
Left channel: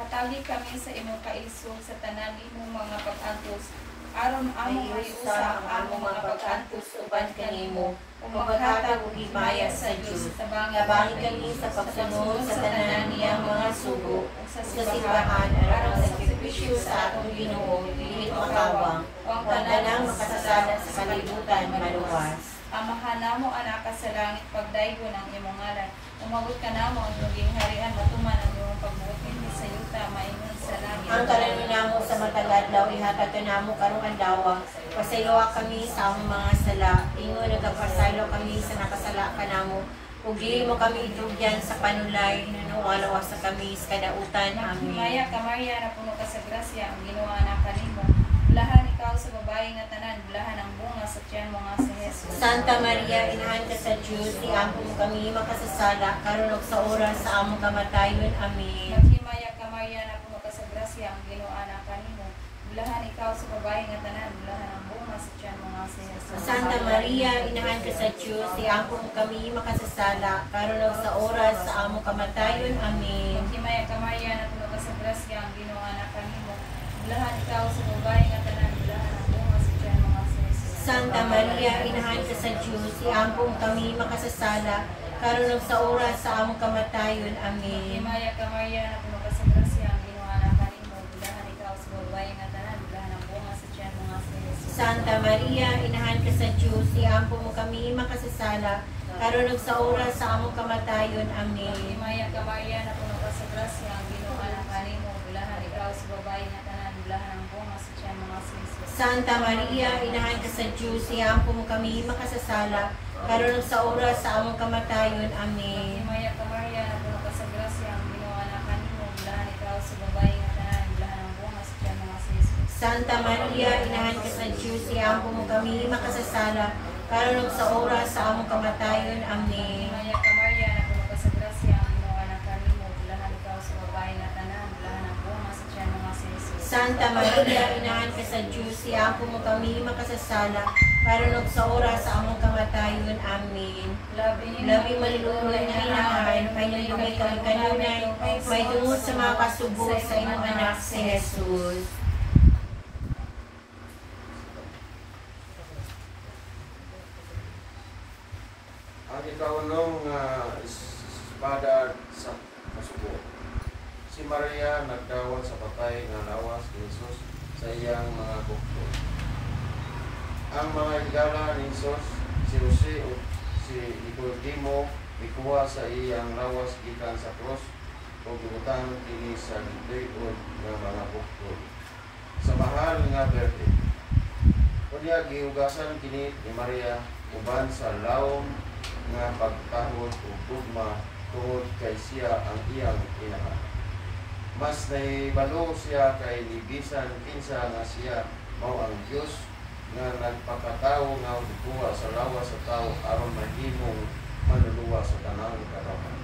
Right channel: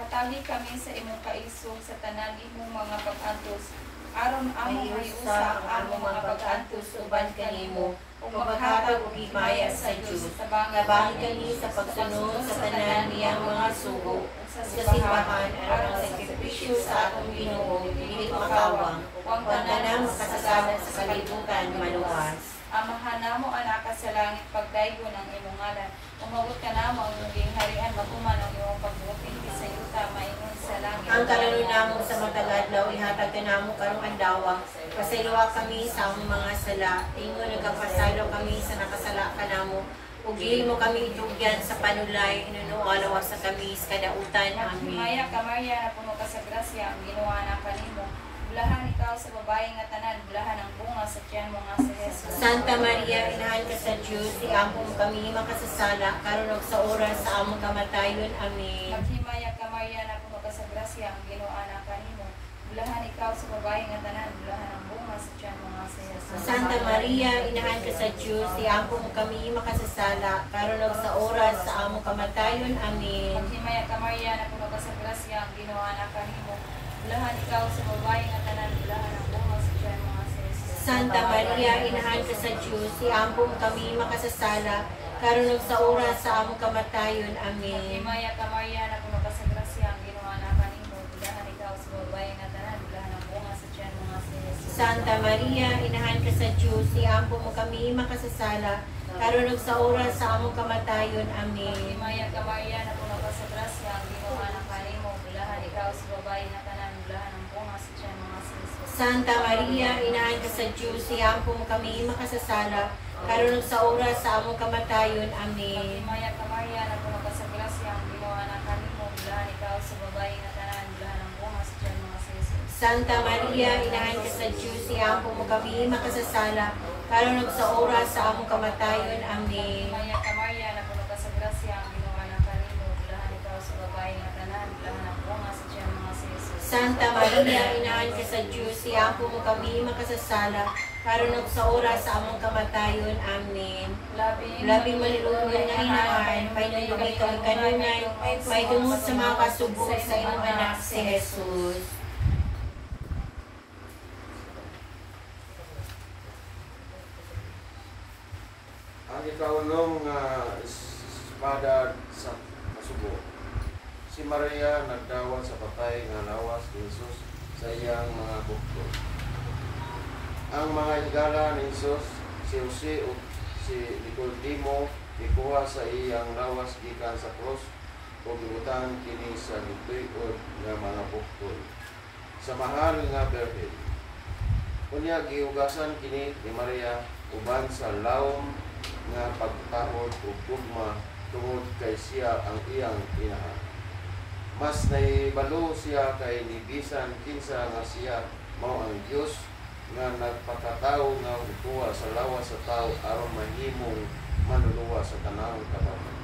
hatali kami sa imong kaisog sa tanan imong mga pag-antos, aron among maiusa ang among mga pag-antos uban kanimo, ug maghatag og himaya sa Dios Gabangi kami sa pagsunod sa tanan niyang mga sugo sa simbahan aron sa sakripisyo sa atong Ginoo dili makawang ang tanang makasasada sa kalibutan maluwas. Amahan namo anak ka sa langit, pagdaygon ang imong ngalan. Umabot ka namo ang iyong harian, matuman ang iyong pagbuting sa yuta maingon sa langit. Ang kalano namo sa mataladlaw ihatag ka namo karong adlaw. Pasayloa kami sa among mga sala, ingon nagapasaylo kami sa nakasala ka namo. Ug dili mo kami itugyan sa panulay, nunualawas sa kami sa kadautan. Amen. Maya ka Maria, na puno ka sa grasya, ang Ginoo na kanimo. Bulahan ikaw sa babae nga tanan, bulahan ang bunga sa tiyan mo nga sa Jesus. Santa Maria, inahan ka sa Diyos, iampo mo kami makasasala, karon ug sa oras sa among kamatayon. Amen. Maghimaya ka Maria, na puno ka sa grasya, ang Ginoo na kanimo. Bulahan ikaw sa babae nga tanan, bulahan ang bunga sa tiyan mo nga sa Jesus. Santa Maria, inahan ka sa Diyos, iampo mo kami makasasala, karon ug sa oras sa among kamatayon. Amen. Maghimaya ka Maria, na puno ka sa grasya, ang Ginoo na kanimo. Bulahan ikaw sa babae nga tanan, bulahan ang bunga sa tiyan mo nga sa Jesus. Santa Maria, inahan ka sa Diyos, iampo mo kami makasasala, karon ug sa oras sa among kamatayon. Amen. Maghimaya ka Maria, na puno ka sa grasya, ang Ginoo na kanimo. Bulahan ikaw sa babae nga tanan, bulahan ang bunga sa tiyan mo nga sa Jesus. Santa Maria, inahan ka sa Diyos, iampo mo kami makasasala, karon ug sa oras sa among kamatayon. Amen. Maghimaya ka Maria, na puno ka sa grasya, ang Ginoo na kanimo. Bulahan ikaw sa babae nga tanan, bulahan ang bunga sa tiyan mo nga sa Jesus. Santa Maria, inahan ka sa Diyos, iampo mo kami makasasala, karon ug sa oras sa among kamatayon. Amen. Maghimaya ka Maria, na puno ka sa grasya, ang Ginoo na kanimo. Bulahan ikaw sa babae nga tanan, bulahan ang bunga sa tiyan mo nga sa Jesus. Santa Maria, inahan ka sa Diyos, iampo mo kami makasasala, karon ug sa oras sa among kamatayon. Amen. Maghimaya ka Maria, na puno ka sa grasya, ang Ginoo na kanimo. Bulahan ikaw sa babae nga tanan, bulahan ang bunga sa tiyan mo nga sa Jesus. Santa Maria, inahan ka sa Diyos, iampo mo kami makasasala, karon ug sa oras sa among kamatayon. Amen. Labing maluluya na inahan, may nagdumi kami kanunay, may tungod sa mga kasubo sa imong anak si Jesus. Ang ikaunong espada sa kasubo. Si Maria nagdawat sa patay nga lawas ni Jesus sa iyang mga bukto. Ang mga higala ni Jesus, si Jose o si Nicodemo, ikuha sa iyang lawas gikan sa krus o gibutan kini sa gituod nga mga bukto. Sa mahal nga birthday. Kunya gihugasan kini ni Maria uban sa lawom nga pagtahod o gugma tungod kay siya ang iyang inahan. Mas naibalo siya kay nibisan kinsa nga siya mao ang Dios nga nagpakatao nga kuha sa lawas sa tao aron mahimong manluluwa sa tanang kadauhan.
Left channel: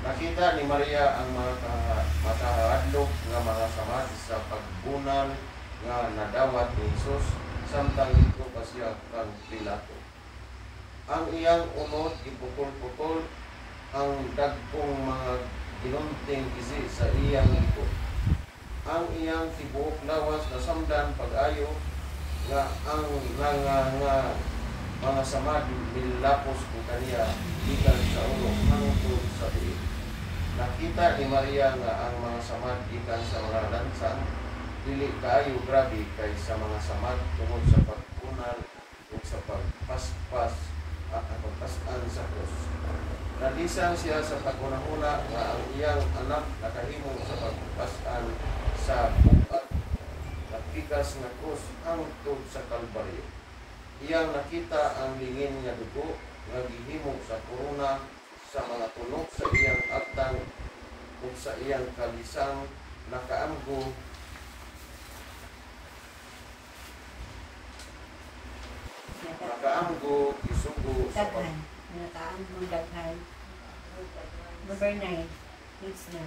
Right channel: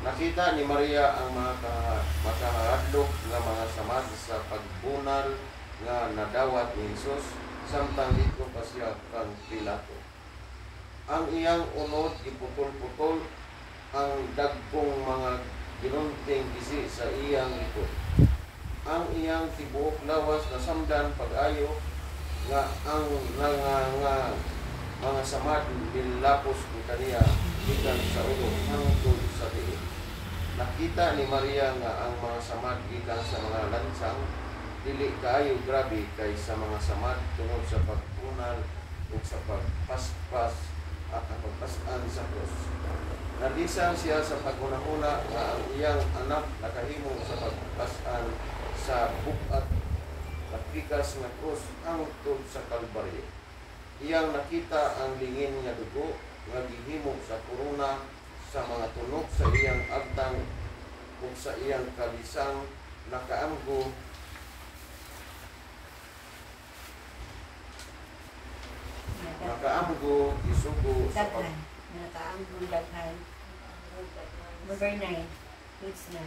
Nakita ni Maria ang mga makahadlok nga mga samad sa pagbunal nga nadawat ni Jesus samtang dito pa siya kang Pilato. Ang iyang unod giputol-putol ang dagkong mga ginunting isi sa iyang likod. Ang iyang tibuok lawas nasamdan pag-ayo nga ang mga samad bilapos ni kaniya gikan sa ulo hangtod sa diin. Nakita ni Maria nga ang mga samad gikan sa mga lansang dili kaayo grabe kay sa mga samad tungod sa pagpunal o sa pagpaspas at pagpasan sa krus. Nalisang siya sa paguna-una nga ang iyang anak nakahimong sa pagpasan sa bukat na pikas nga krus hangtod sa Kalbaryo. Iyang nakita ang lingin nga dugo nga gihimo sa korona sa mga tunok sa iyang agtang ug sa iyang kalisang nakaamgo isugo sa Daghan. Nakaambong daghan. Number 9. Please na.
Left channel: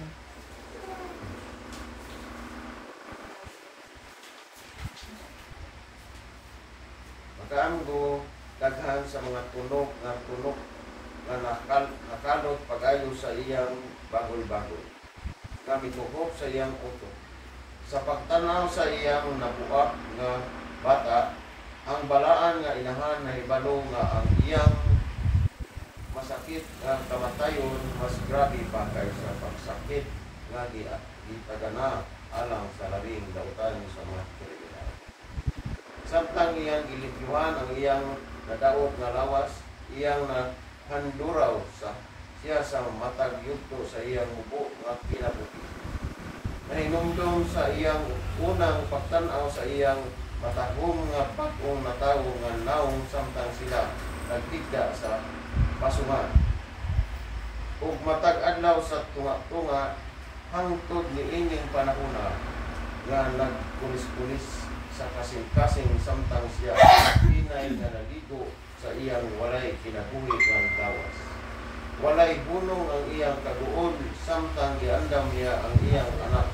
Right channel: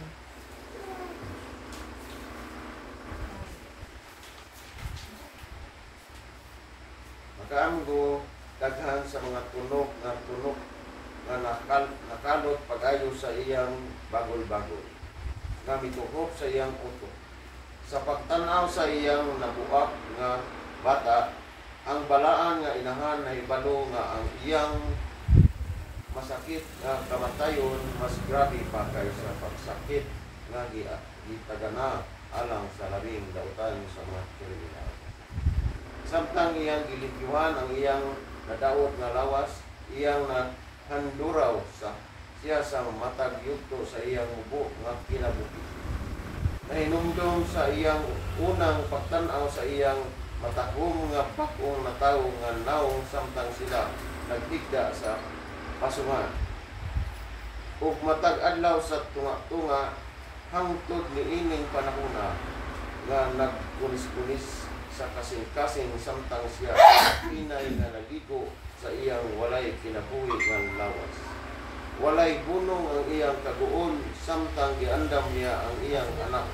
Makaamgo daghan sa mga tunok nga nakalot pag-ayo sa iyang bagol-bagol nga mituhop sa iyang utok. Sa pagtanaw sa iyang nabuak nga bata, ang balaan nga inahan na hibalo nga ang iyang masakit nga kamatayon mas grabe pa kaysa pagsakit nga gitagana alang sa labing dautan sa mga kriminal. Samtang iyang gilibyuhan ang iyang nadaog nga lawas, iyang nahanduraw siya sa matag yugto sa iyang ubo nga kinabuhi. Nahinumdum sa iyang unang pagtanaw sa iyang matahom nga bakong natawo nga naong samtang sila nagtigda sa pasungan. Ug matag adlaw sa tunga-tunga hangtod niining panahona nga nagkunis-kunis sa kasing-kasing samtang siya hinay na nagigo sa iyang walay kinabuhi nga lawas. Walay bunong ang iyang kaguol samtang giandam niya ang iyang anak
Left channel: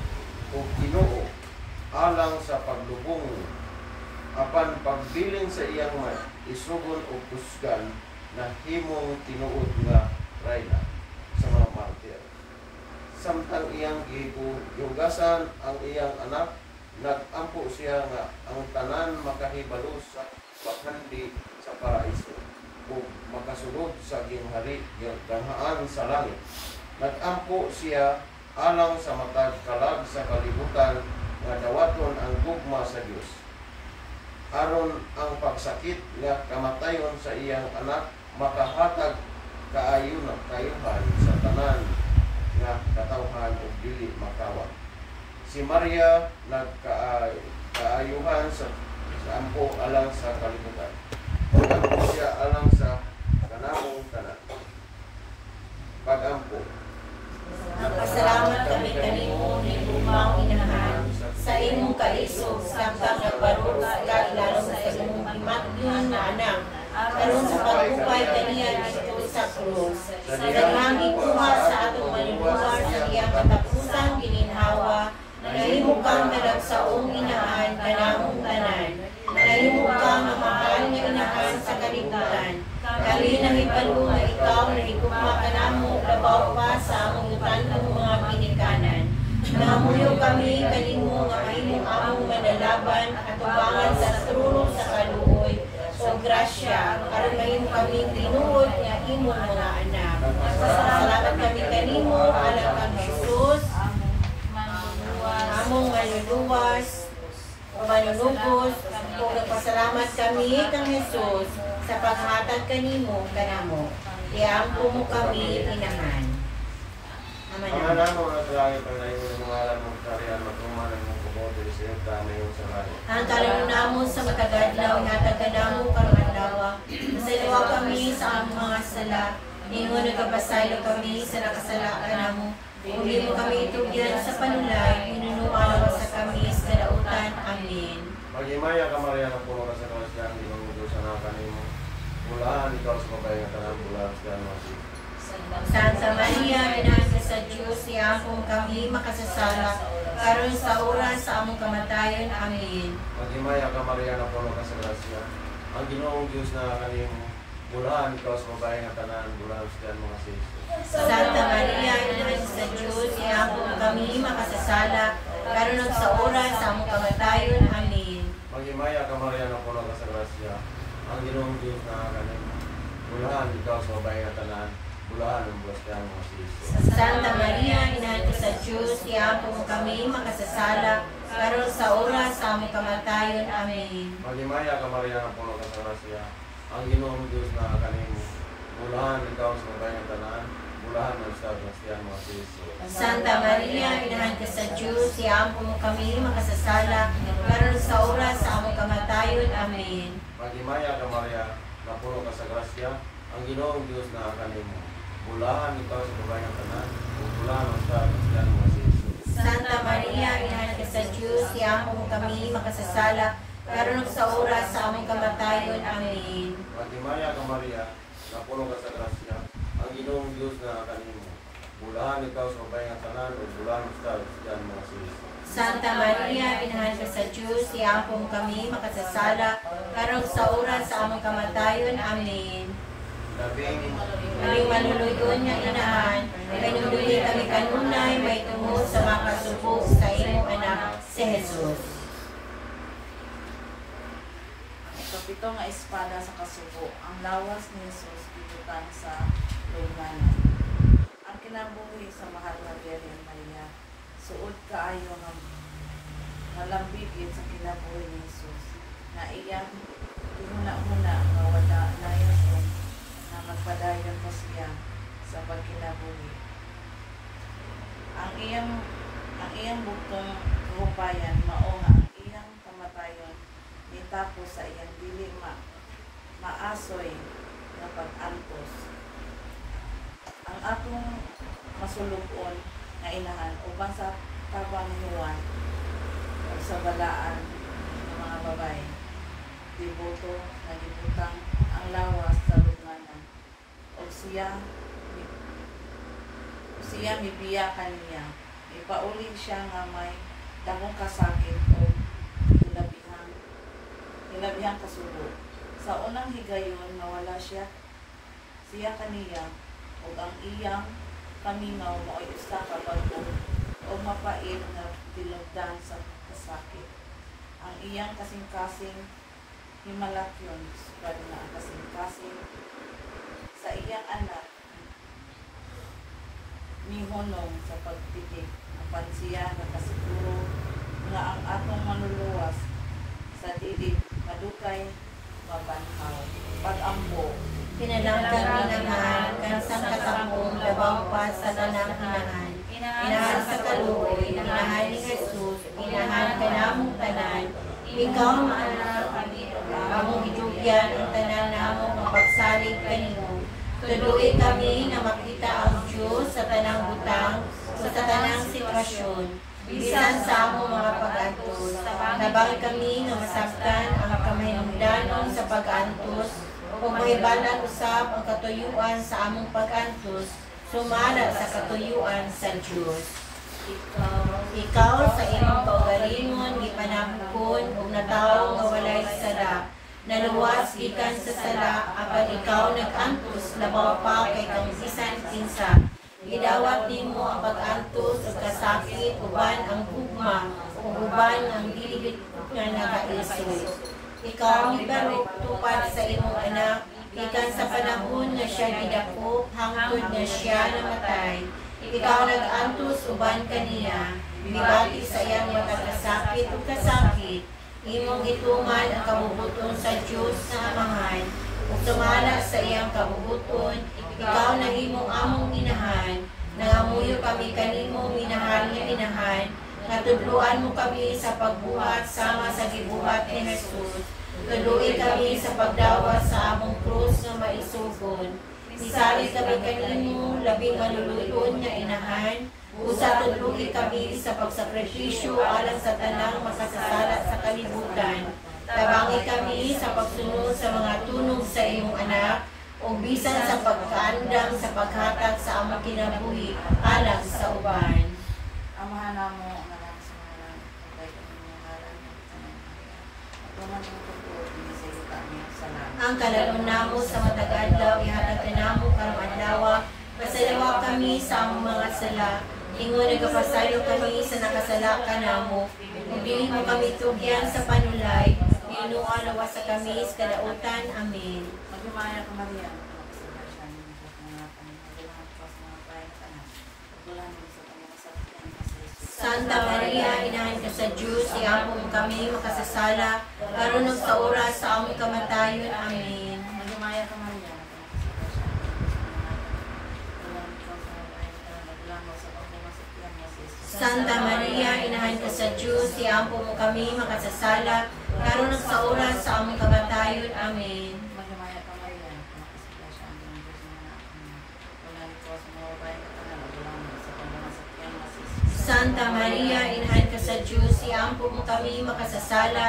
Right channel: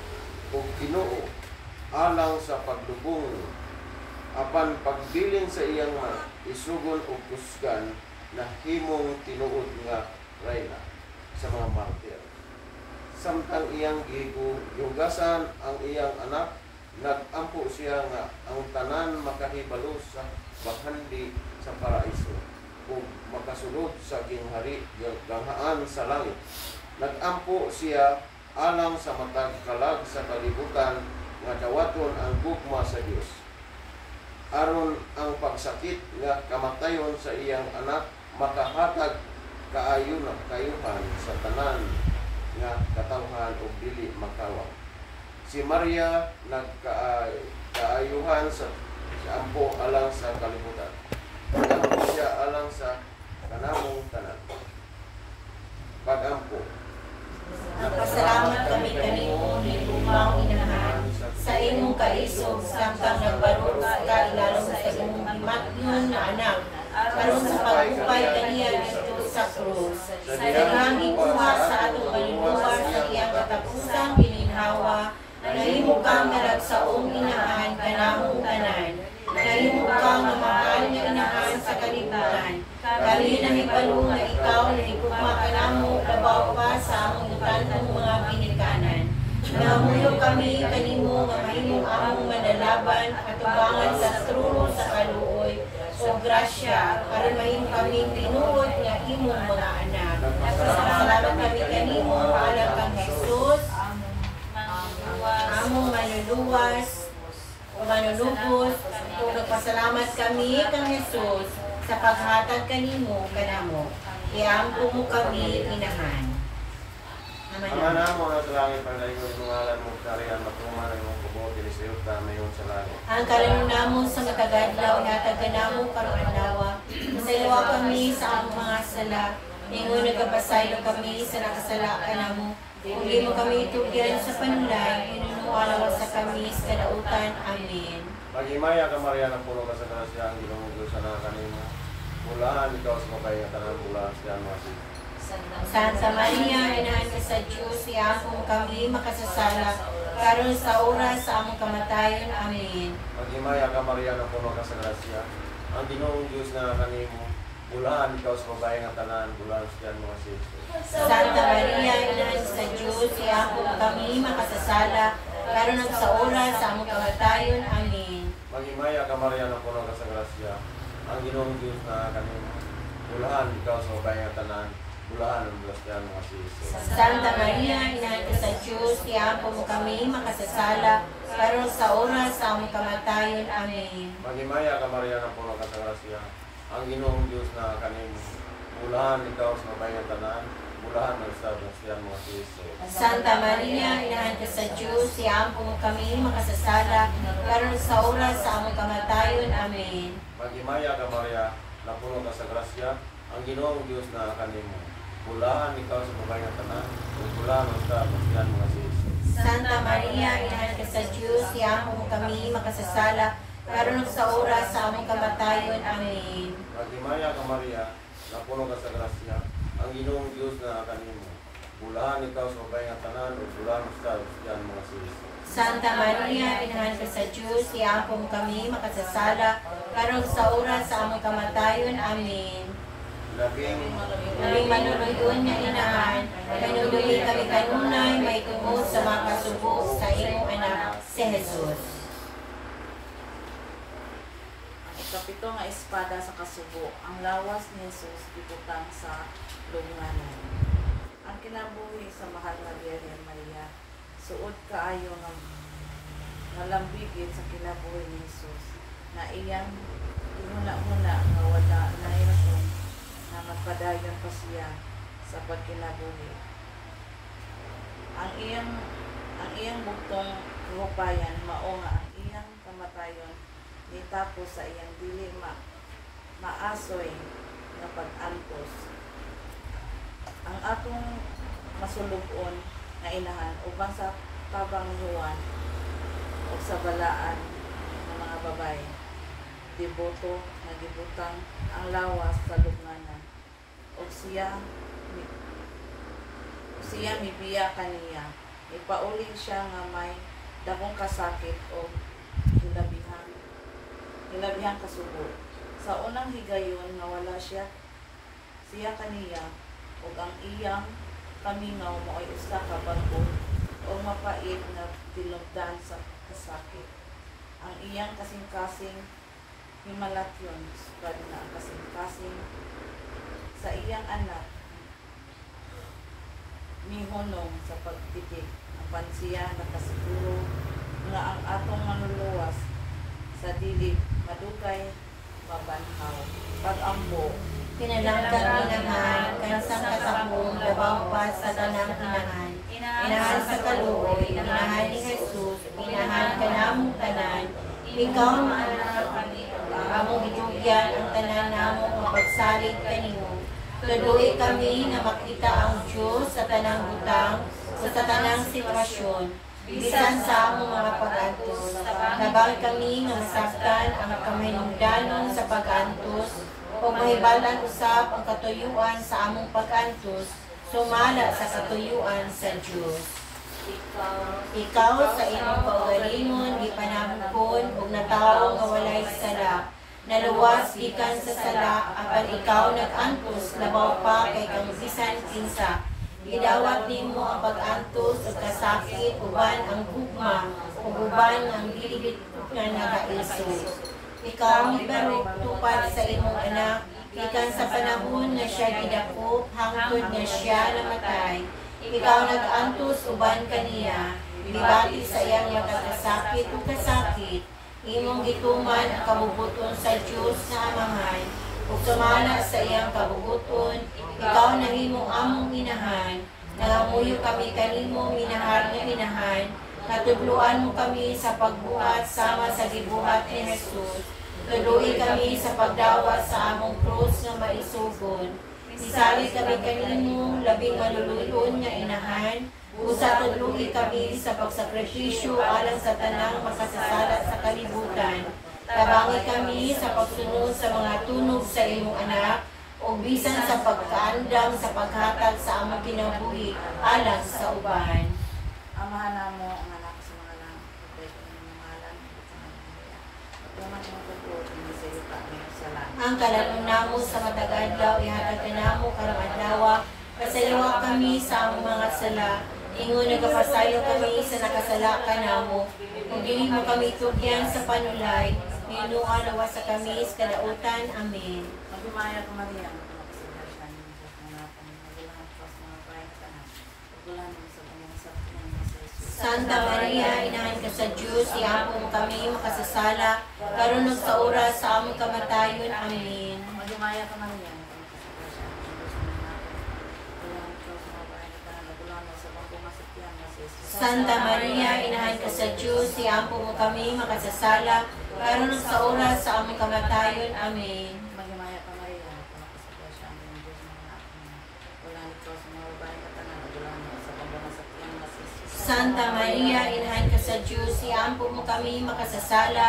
ug Ginoo alang sa paglubong apan pagbilin sa iyang isugon o kusgan na himong tinuod nga rayna sa mga martir. Samtang iyang gihugasan ang iyang anak, nagampo siya nga ang tanan makahibalo sa bakhandi sa paraiso ug makasulod sa ginghari ganghaan sa langit. Nagampo siya alang sa matag kalag sa kalibutan nga dawaton ang gugma sa Dios. Aron ang pagsakit nga kamatayon sa iyang anak makahatag kayuhan sa tanan nga katawhan ug dili makawa. Si Maria nagkaayuhan sa ampo alang sa kalibutan. Nagampo siya alang sa kanamong tanan. Pagampo. Nagpasalamat kami kanimo ni lumang inahan sa imong kalisod samtang nagbarot ka ilalong sa imong gimatyon na anak karon sa pagupay kaniya dito sa krus. Sa daghang kuha sa atong maluluwas sa iyang katapusan gininhawa, nahimo kang malagsaong inahan kanamong tanan. Nahimo kang mamahal nga inahan sa kalibutan. Dali na hibalo nga ikaw na higugma ka namo labaw pa sa among utanong mga pinikanan. Namuyo kami kanimo nga mahimong among manalaban at tubangan sa trono sa kaluoy o grasya aron mahimo kami tinuod nga imong mga anak. Salamat kami kanimo alang kang Jesus, among manluluwas o manlulubos o nagpasalamat kami kang Jesus sa paghatag kanimo kanamo. Iampo mo kami inahan. Ama na mo na sa langit ang layo ng ngalan mo kariyan matuman ang kubuti sa iyo tama yon sa langit. Ang karon namo sa makagadlaw nga taganamo karon adlaw. Masaywa kami sa among mga sala. Ingon nagapasaylo kami sa nakasala kanamo. Uli mo kami tugyan sa panulay, inunuaw sa kami sa kadautan. Amen. Magimaya ka Maria ng puno ka sa grasya ang Ginoong Diyos sa mga kanimo. Mulahan ikaw sa mabay nga tanang bulan sa Masi. Santa Maria, Inahan ka sa Diyos, iampo kami makasasala, karon sa oras sa among kamatayon. Amen. Magimaya ka Maria ng puno ka sa grasya ang Ginoong Diyos na kanimo. Mulahan ikaw sa mabay nga tanan bulan sa Masi. Santa Maria, Inahan ka sa Diyos, iampo kami makasasala, karon sa oras sa among kamatayon. Amen. Magimaya ka Maria ng puno ka sa grasya ang Ginoong Diyos na kanimo. Mulahan ikaw sa mabay nga tanan bulan ng Blasdan mga Siso. Santa Maria, Inahan ka sa Diyos, iampo mo kami makasasala, karon sa oras sa among kamatayon. Amen. Magimaya ka Maria ng puno ka sa grasya ang Ginoong Diyos na kanimo. Mulahan ikaw sa mabay nga tanan bulan ng Blasdan mga Siso. Santa Maria, Inahan ka sa Diyos, iampo mo kami makasasala, karon sa oras sa among kamatayon. Amen. Magimaya ka Maria na puno ka sa grasya ang Ginoong Diyos na kanimo. Bulahan ikaw sa mabay nga tanan ug bulan ng Blasdan mga Siso. Santa Maria, Inahan ka sa Diyos, iampo mo kami makasasala, karon sa oras sa among kamatayon. Amen. Magimaya ka Maria na puno ka sa grasya ang Ginoong Diyos na kanimo. Bulahan ikaw sa babae nga tanan, o bulahan ikaw sa mga sis. Santa Maria, inahan ka sa Diyos, iapong kami makasasala, karon sa oras sa among kamatayon. Amen. Labing Aming manuluyon nga inahan, kanuluyi kami kanunay, may tungod sa makasubo sa imong anak, si Jesus. Ang ikapito nga espada sa kasubo, ang lawas ni Jesus gitutan sa lubnganan. Ang kinabuhi sa mahal nga Birhen Maria, suod kaayo nga nalambigit sa kinabuhi ni Jesus, na iyang tinuna-una nga wala na yun, nakapadayon pa siya sa pagkinabuhi. Ang iyang buktong rupayan mao nga ang iyang kamatayon nitapos sa iyang dili maasoy nga pag-antos. Ang atong masulubon na inahan uban sa kabanghuan o sa balaan ng mga babae, deboto na gibutang ang lawas sa lubnganan, o siya mibiya kaniya, ipauling siya nga may dakong kasakit o hilabihang kasubo. Sa unang higayon na wala siya kaniya, o ang iyang kaminaw mo ay usa ka bago o mapait na tilugdan sa kasakit. Ang iyang kasing-kasing himalakyon, sabi na ang kasing-kasing sa iyang anak mihonong sa pagtitik, ang pansiya nakasiguro nga ang atong manuluwas sa dilig madukay mabanhaw pag-ambo. Pinalanggan inahan, kansang katakong labaw pa sa tanang inahan. Inahan sa kaluoy, inahan ni Jesus, inahan ka namong tanan, ikaw ang anak kami, among itugyan ang tanan namong mapagsalig kanimo. Tuloy kami na makita ang Diyos sa tanang butang o sa tanang sitwasyon, bisan sa among mga pag-antos. Nabang kami na masaktan ang kamahinungdanon sa pag-antos, o mahibalan usab ang katuyuan sa among pag-antos, sumala sa katuyuan sa Diyos. Ikaw sa imong kaugalingon gipanamkon og natawo nga walay sala, naluwas gikan sa sala, apan ikaw nag-antos labaw pa kay kang bisan kinsa. Gidawat nimo ang pag-antos ug kasakit uban ang gugma ug uban ang dilibit nga nagaisos. Ikaw pero tupad sa imong anak, ikan sa panahon na siya gidako, hangtod na siya namatay. Ikaw nag-antos uban kaniya, bibati sa iyang makakasakit o kasakit. Imong gituman ang kabubuton sa Diyos na Amahan, ug sumala sa iyang kabubuton, ikaw nahimong among inahan. Nangamuyo kami kanimo, minahal nga inahan. Natudluan mo kami sa pagbuhat sama sa gibuhat ni Jesus. Tuloy kami sa pagdawat sa among krus nga maisugon. Isalit kami kanimo, labing manuluyon nga inahan. Usa tuloy kami sa pagsakripisyo alang sa tanang makasasala sa kalibutan. Tabangi kami sa pagsunod sa mga tunog sa imong anak, o bisan sa pagkaandam sa paghatag sa among kinabuhi alang sa uban. Amahan namo ang anak sa mga lang, pagbayad ang mga ngalan, pagtuman ng pagbuot, hindi sa iyo kami sa langit. Ang kalanon namo sa matag adlaw, ihatag ka namo karong adlaw, pasalawa kami sa among mga sala, ingon nagapasayo kami sa nakasala ka namo, ug dili mo kami tugyan sa panulay, Ginoo lawas sa kami sa kadautan. Amen. Magdumaya ka Maria, magpapasalamat siya ng Diyos na natin, nagulahan ka sa mga kayatanan, nagulahan mo sa kanyang sakyan na sa Jesus. Santa Maria, inahan ka sa Diyos, iapong kami makasasala, karon ug sa oras sa among kamatayon. Amen. Magdumaya ka Maria, magpapasalamat siya ng Diyos na natin, nagulahan ka sa mga kayatanan, nagulahan mo sa kanyang sakyan na sa Jesus. Santa Maria, inahan ka sa Diyos, iapong mo kami makasasala, karon ug sa oras sa among kamatayon. Amen. Magdumaya ka Maria, magpapasalamat siya ng Diyos na natin, nagulahan ka sa mga kayatanan, nagulahan mo sa kanyang sakyan na sa Jesus. Santa Maria, inahan ka sa Diyos, iampo mo kami makasasala,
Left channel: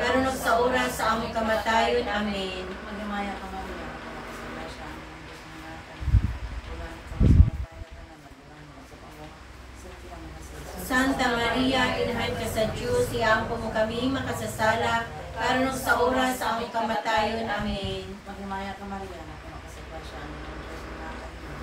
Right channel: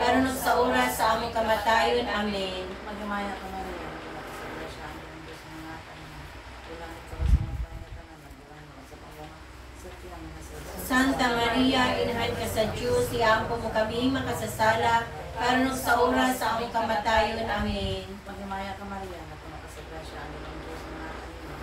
karon ug sa oras sa among kamatayon. Amen. Magdumaya ka Maria, magpapasalamat siya ng Diyos na natin, nagulahan ka sa mga kayatanan, nagulahan mo Diyos, iampo mo kami makasasala, karon sa oras sa aming kamatayon. Amen. Magmaya ka Maria, na kumakasagrasya ang ng Diyos na nakanina.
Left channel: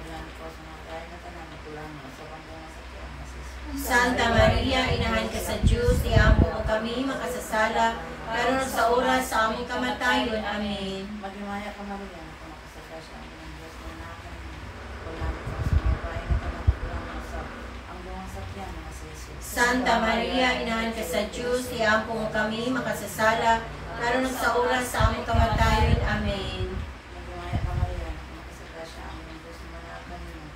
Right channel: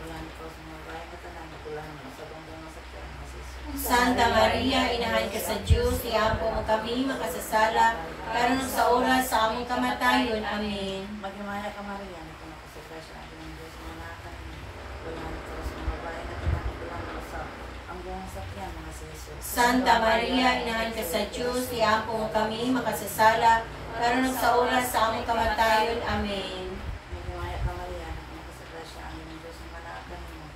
Ulan ko sa mga bayan na tanan, ulan mo sa bambong sa kiyang masisyo. Santa Maria, inahan ka sa Diyos, iampo mo kami makasasala, karon sa oras sa aming kamatayon. Amen. Magmaya ka Maria, na kumakasagrasya ang ng Diyos na nakanina. Ulan ko sa mga bayan na tanan, ulan mo sa bambong sa kiyang masisyo. Santa Maria, inahan ka sa Diyos, iampo mo kami makasasala, karon sa oras sa aming kamatayon. Amen. Magmaya ka Maria, na kumakasagrasya ang ng Diyos na nakanina.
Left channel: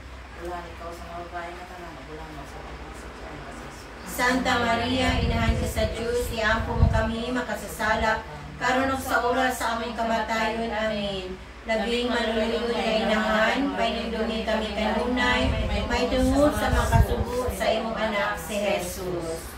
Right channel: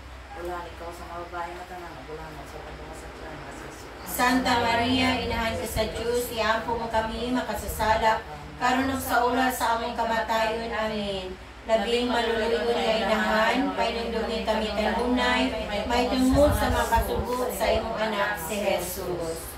Ulan ikaw sa mga bayan na tanan, ulan mo sa bambong sa kiyang masisyo. Santa Maria, inahan ka sa Diyos, iampo mo kami makasasala, karon sa oras sa aming kamatayon. Amen. Labing maluluyo na inahan, painindungin kami kanunay, may tungod sa mga kasugo sa imong anak si Jesus.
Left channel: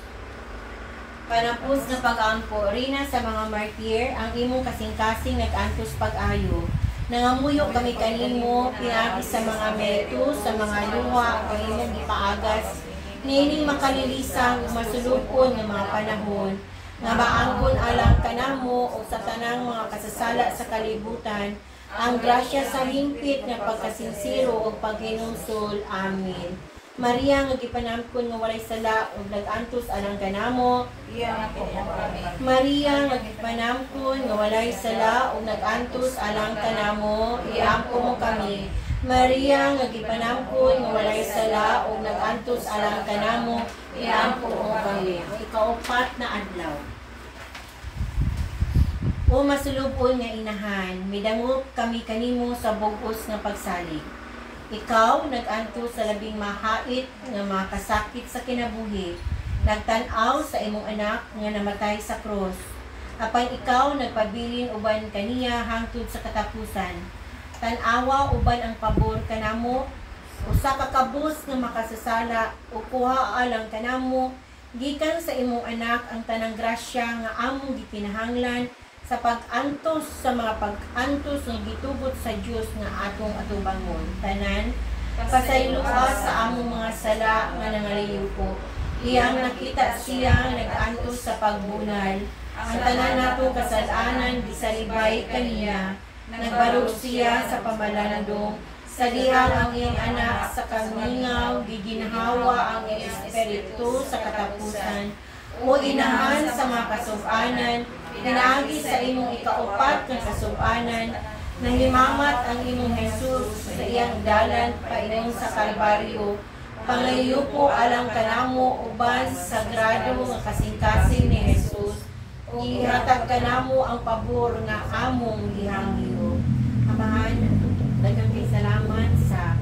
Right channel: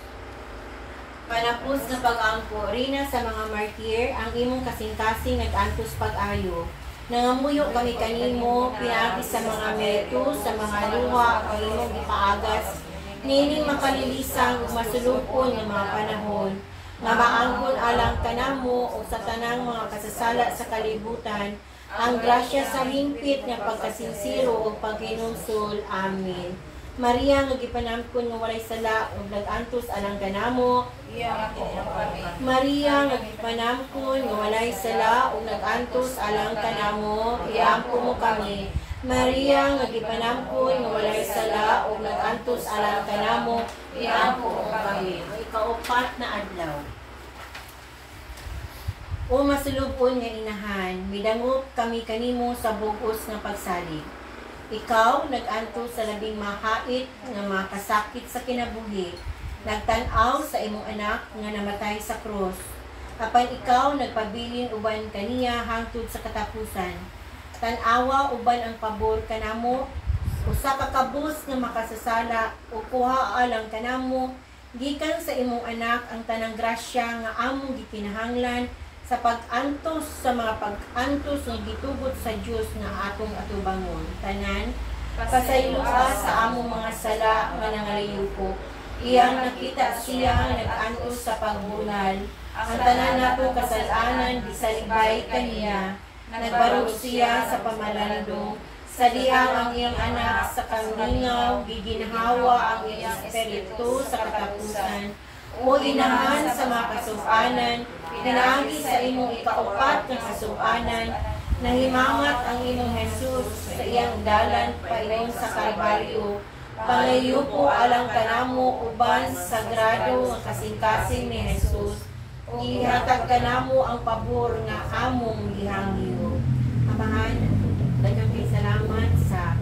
Panapos na pag-angko, Rina sa mga martir, ang imong kasing-kasing nag-antos pag-ayo. Nangamuyo kami kanimo, pinagi sa mga merito, sa mga luha, ang imong ipaagas, nining makalilisang masulupon ng mga panahon, nga maangkon alang kanamo o sa tanang mga kasasala sa kalibutan, ang grasya sa limpit nga pagkasinsiro o paghinumsol. Amen. Maria, nga gipanamkon nga walay sala ug nag-antos alang kanamo. Maria, nga gipanamkon nga walay sala ug nag-antos alang kanamo, iampo mo kami. Maria, nga gipanamkon nga walay sala ug nag-antos alang kanamo, iampo mo kami. Ikaupat na adlaw. O masulubon nga inahan, midangop kami kanimo sa bugos nga pagsalig. Ikaw nag-anto sa labing mahait nga mga kasakit sa kinabuhi, nagtan-aw sa imong anak nga namatay sa krus. Apan ikaw nagpabilin uban kaniya hangtod sa katapusan. Tan-awa uban ang pabor kanamo, usa ka kabus nga makasasala o kuha alang kanamo, gikan sa imong anak ang tanang grasya nga among gikinahanglan sa pag-antos sa mga pag-antos ng gitugot sa Diyos nga atong atubangon. Tanan, pasayloa sa among mga sala nga nangaliyo ko. Iyang nakita siya nag-antos sa pagbunal. Ang tanan nato kasalanan gisalibay kaniya. Nagbarog siya sa pamalandong. Sa dihang ang iyang anak sa kamingaw, giginhawa ang iyang espiritu sa katapusan. O inahan sa mga kasubanan, pinaagi sa imong ikaupat ng kasubanan, nahimamat ang imong Jesus sa iyang dalan painom sa Kalbaryo. Pangayo po alang kanamo uban sagrado nga kasing-kasing ni Jesus. Ihatag kanamo ang pabor nga among gihangyo. Amahan, daghang salamat sa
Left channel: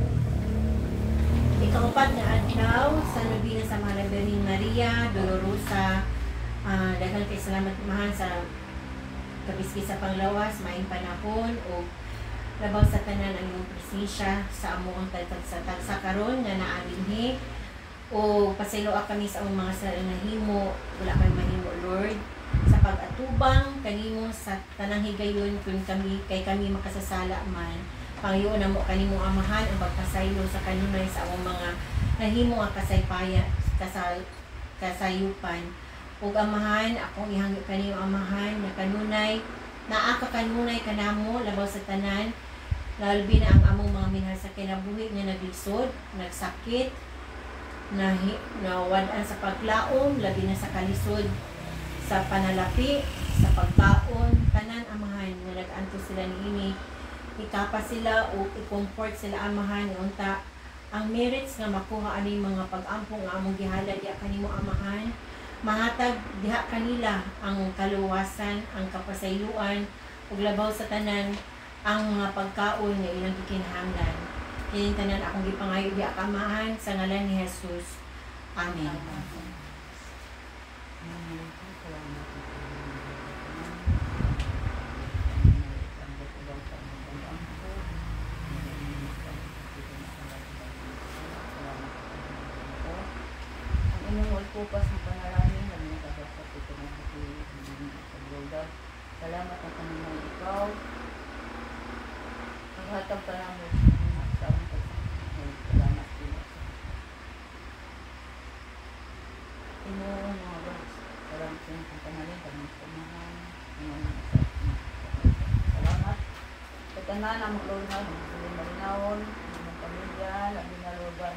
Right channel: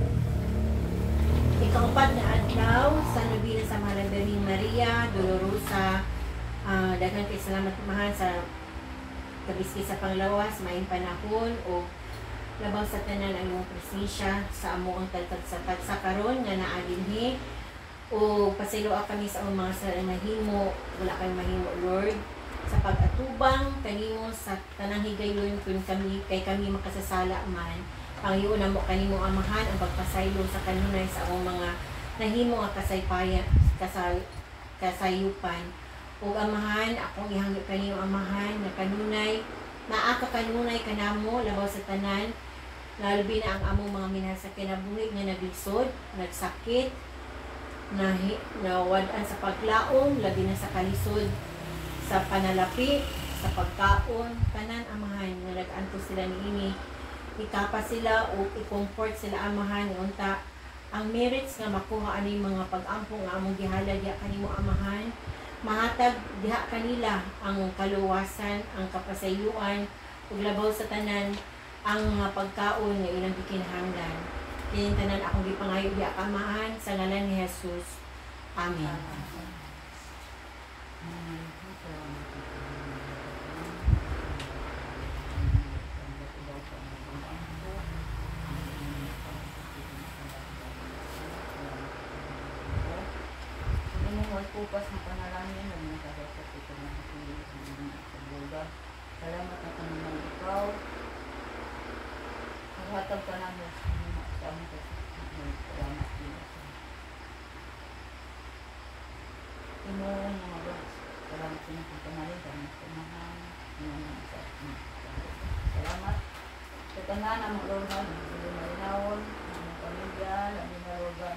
ikaupat na adlaw sa nobina sa Mahal Birhen Maria Dolorosa. Daghang salamat mahal sa kabiski sa panglawas, maayong panahon o labaw sa tanan ang imong presensya sa amo ang tagsa karon nga naa dinhi o pasayloa kami sa among mga nahimo, wala kay mahimo Lord, sa pag-atubang kanimo sa tanang higayon kun kami makasasala man. Panginoon namo kanimo amahan ang pagpasaylo sa kanunay sa among mga nahimo nga kasayupan. Ug amahan akong ihangyo kanimo amahan na kanunay naa ka kanunay kanamo labaw sa tanan, labi na ang among mga minahal sa kinabuhi nga naglisod, nagsakit, nawadan sa paglaom, labi na sa kalisod, sa panalapi, sa pagkaon, tanan amahan nga nag-anto sila niini. Ikapa sila o i-comfort sila amahan unta ang merits nga makuha ani mga pag-ampong nga among gihala diha kanimo amahan, mahatag diha kanila ang kaluwasan, ang kapasayuan ug labaw sa tanan ang mga pagkaon nga ilang gikinahanglan. Kini tanan akong gipangayo diha amahan sa ngalan ni Jesus. Amen. Pupas ng panalangin, huwag na kagapat ito ng hati sa bloga. Salamat na kanunang ikaw. Naghatag ka namin sa aming kasama. Salamat din. Tinuong mga tanan ang maglunod, hindi malinawon, ang pamilya, labi na logan.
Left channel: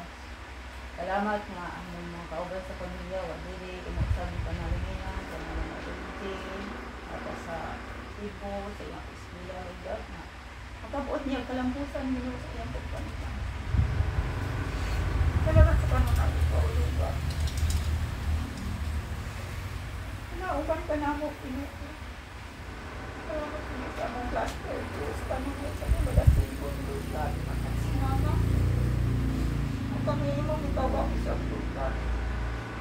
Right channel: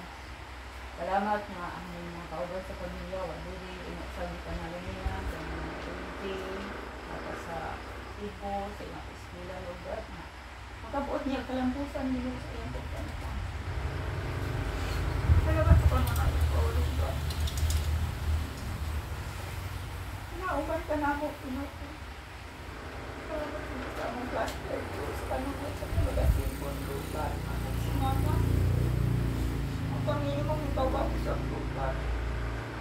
Salamat nga ang mga kauban sa pamilya, wadiri, inaksabi ka na niya, sa mga tulitin, at sa ibo, sa iyang eskwela, lugar nga. Makabuot niya kalampusan niyo sa iyang pagkanta. Salamat sa panunang ikaw, lugar. Nauban ka na ako, pinuko. Salamat sa among cluster, sa panunay sa mga lagasin, lugar, at sumama. Ang Panginoon mong ikaw ako sa lugar.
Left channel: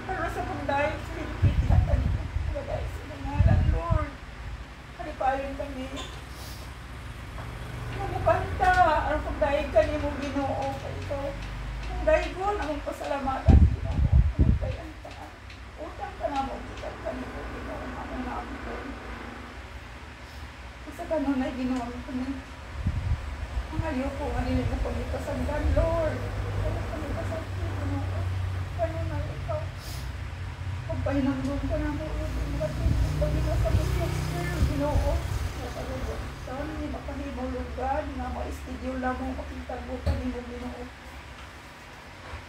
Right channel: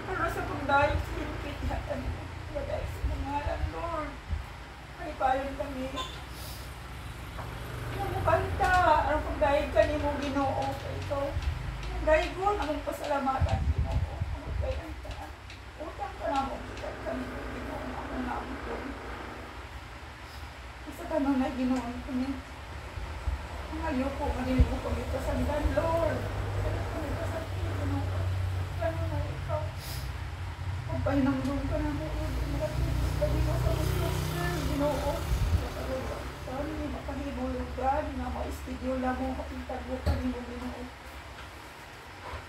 Para sa pagdahil sa higit hatan mo, lagay sa nangalan, Lord. Halipalin kami. Mamukanta, ang pagdahil kami mo Ginoo, ito. Ang dahil ko, namang pasalamatan, Ginoo. Ang bayan ka na. Utang ka na mo, kita kami mo, Ginoo, among naabot. Isa ka nun ay Ginoo kami. Ang ayoko, manili mo kami pasandan, Lord. Wala kami pasandan, Ginoo. Ganun na ikaw. Pagpahinamdong ka na mo, Lord. Malating mo kami mo sa mga Ginoo. Saan mo makanibulog ka, di nga ma-studio lang mo, kapintag mo kami mo, Ginoo.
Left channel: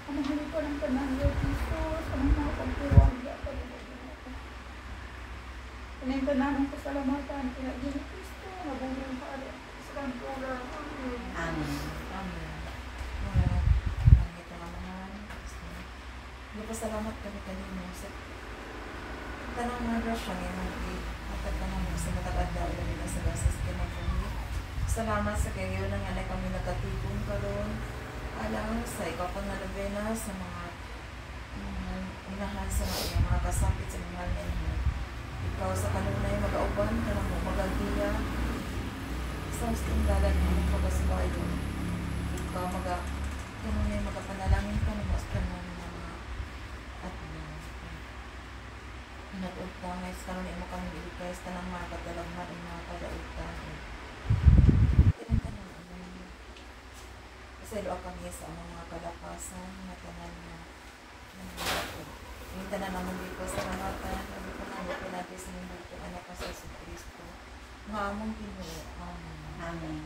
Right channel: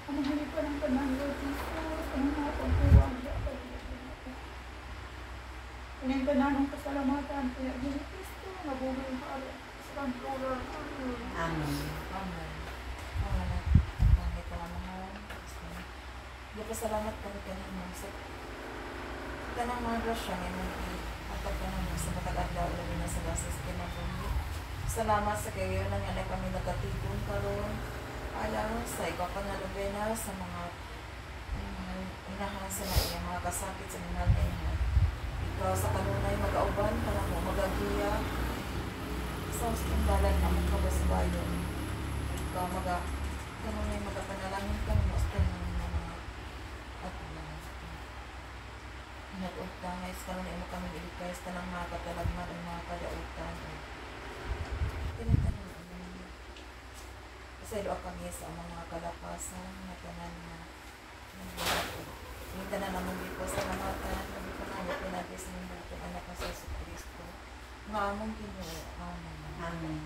Ang mahali pa ng tanan, Lord Jesus. Anong mga pagkuwang niya kami mo, Ginoo. Anong tanan ng pasalamatan, kaya Ginoo Cristo, nabuhay ka rin. Isang dolar, Amen. Amen. Amen. Ang ito naman. Nagpasalamat kami kanina sa tanang mga grasya ngayon. Matag ka naman sa matagad daw lagi na sa lasas ka na kami. Salamat sa kayo na nga na kami nakatipon karon. Alam sa ikaw pa nga labena sa mga inahasa na iya mga kasapit sa mga ninyo. Ikaw sa kanunay mag-auban, kanang mo mag-agiya. Sa ustindalan na mong kabasibayon. Ikaw kanunay magapanalangin ka ng mas kanunay na mga at nag-utangay sa kanunay mo kami ilikay sa tanang mga katalagman ang mga kadautan. Tinantanin mo. Kasi doa kami sa mga kalapasan na tanan na yung tanan na mong dito sa mga tanan na dito na yung pinagay sa mga dito anak sa Yesu Cristo. Mga among Ginoo. Amen. Amen.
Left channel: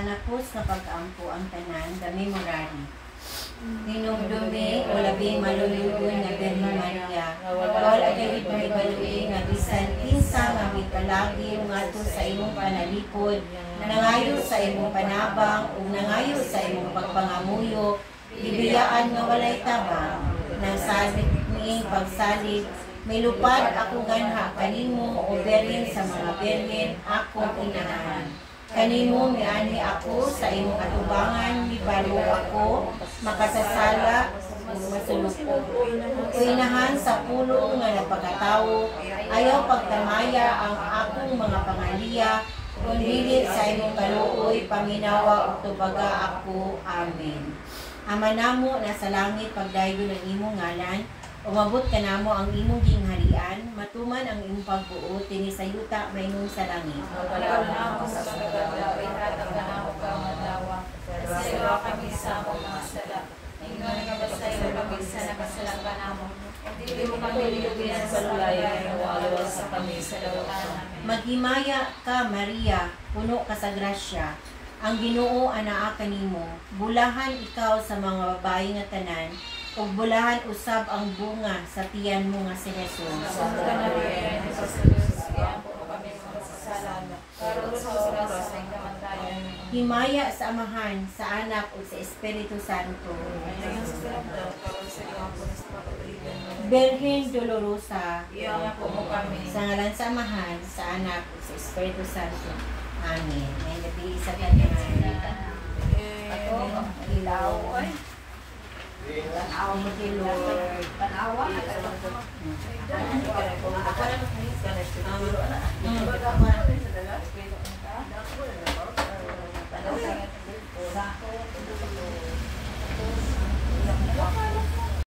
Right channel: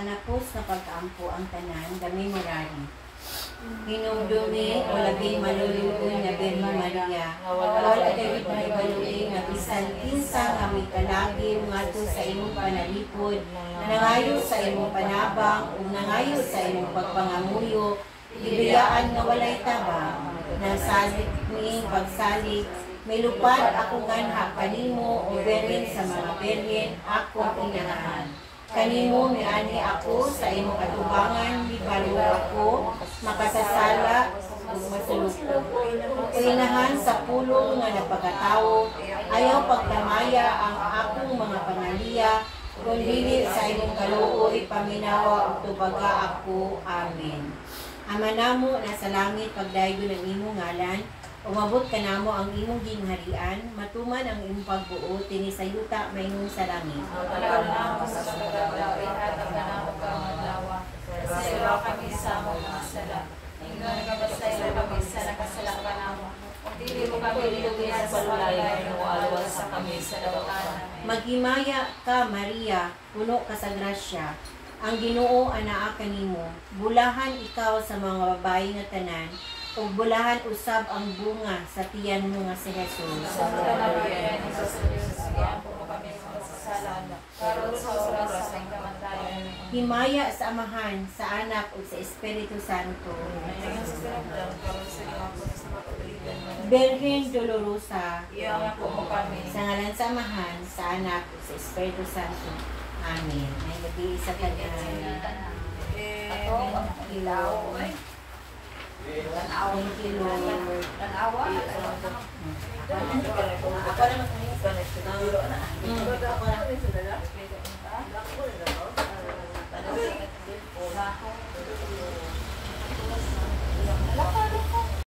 kanapos nga pagkaampo ang tanan, dami morari. Hinumdumi o labing malulugon nga Birhen Maria, wala kay ibalui nga bisan kinsa nga mikalagi ngadto sa imong panalipod, nangayo sa imong panabang ug nangayo sa imong pagpangamuyo, gibiyaan nga walay tabang, nang salig niing pagsalig, may lupad ako ganha kanimo o Birhen sa mga Birhen akong inahan. Kanimo miani ako sa imong katubangan, libalo ako, makasasala, masuluko. Uinahan sa pulong nga napagatawo, ayaw pagtamaya ang akong mga pangaliya, kung dili sa imong kaluoy, paminawa o tubaga ako. Amen. Ama namo nasa langit, pagdayon ang imong ngalan, umabot ka namo ang imong gingharian, matuman ang imong pagbuot, tinisayuta maingong sa langit. Wala na ako sa pagkakalain at ang nanamog kang madlawa. Kasi wala kami sa akong mga sala. Ingon ka ba sa iyo kami sa nakasalang ka namo. Dili mo kami lilubihan sa lulayan o alwa sa kami sa lawatan. Maghimaya ka, Maria, puno ka sa grasya. Ang Ginoo anaa kanimo, bulahan ikaw sa mga babae nga tanan, ug bulahan usab ang bunga sa tiyan mo nga si Jesus. Santa Maria, Jesus Christus, tiampo mo kami sa kasalanan. Karon sa oras ng kamatayan. Himaya sa Amahan, sa Anak ug sa Espiritu Santo. Birhen Dolorosa, Iyan po mo kami. sa ngalan sa Amahan, sa Anak ug sa Espiritu Santo. Amen. May gabi sa tanan. Ito, ang ilaw. Thank you, Lord. Tanawa. Mm.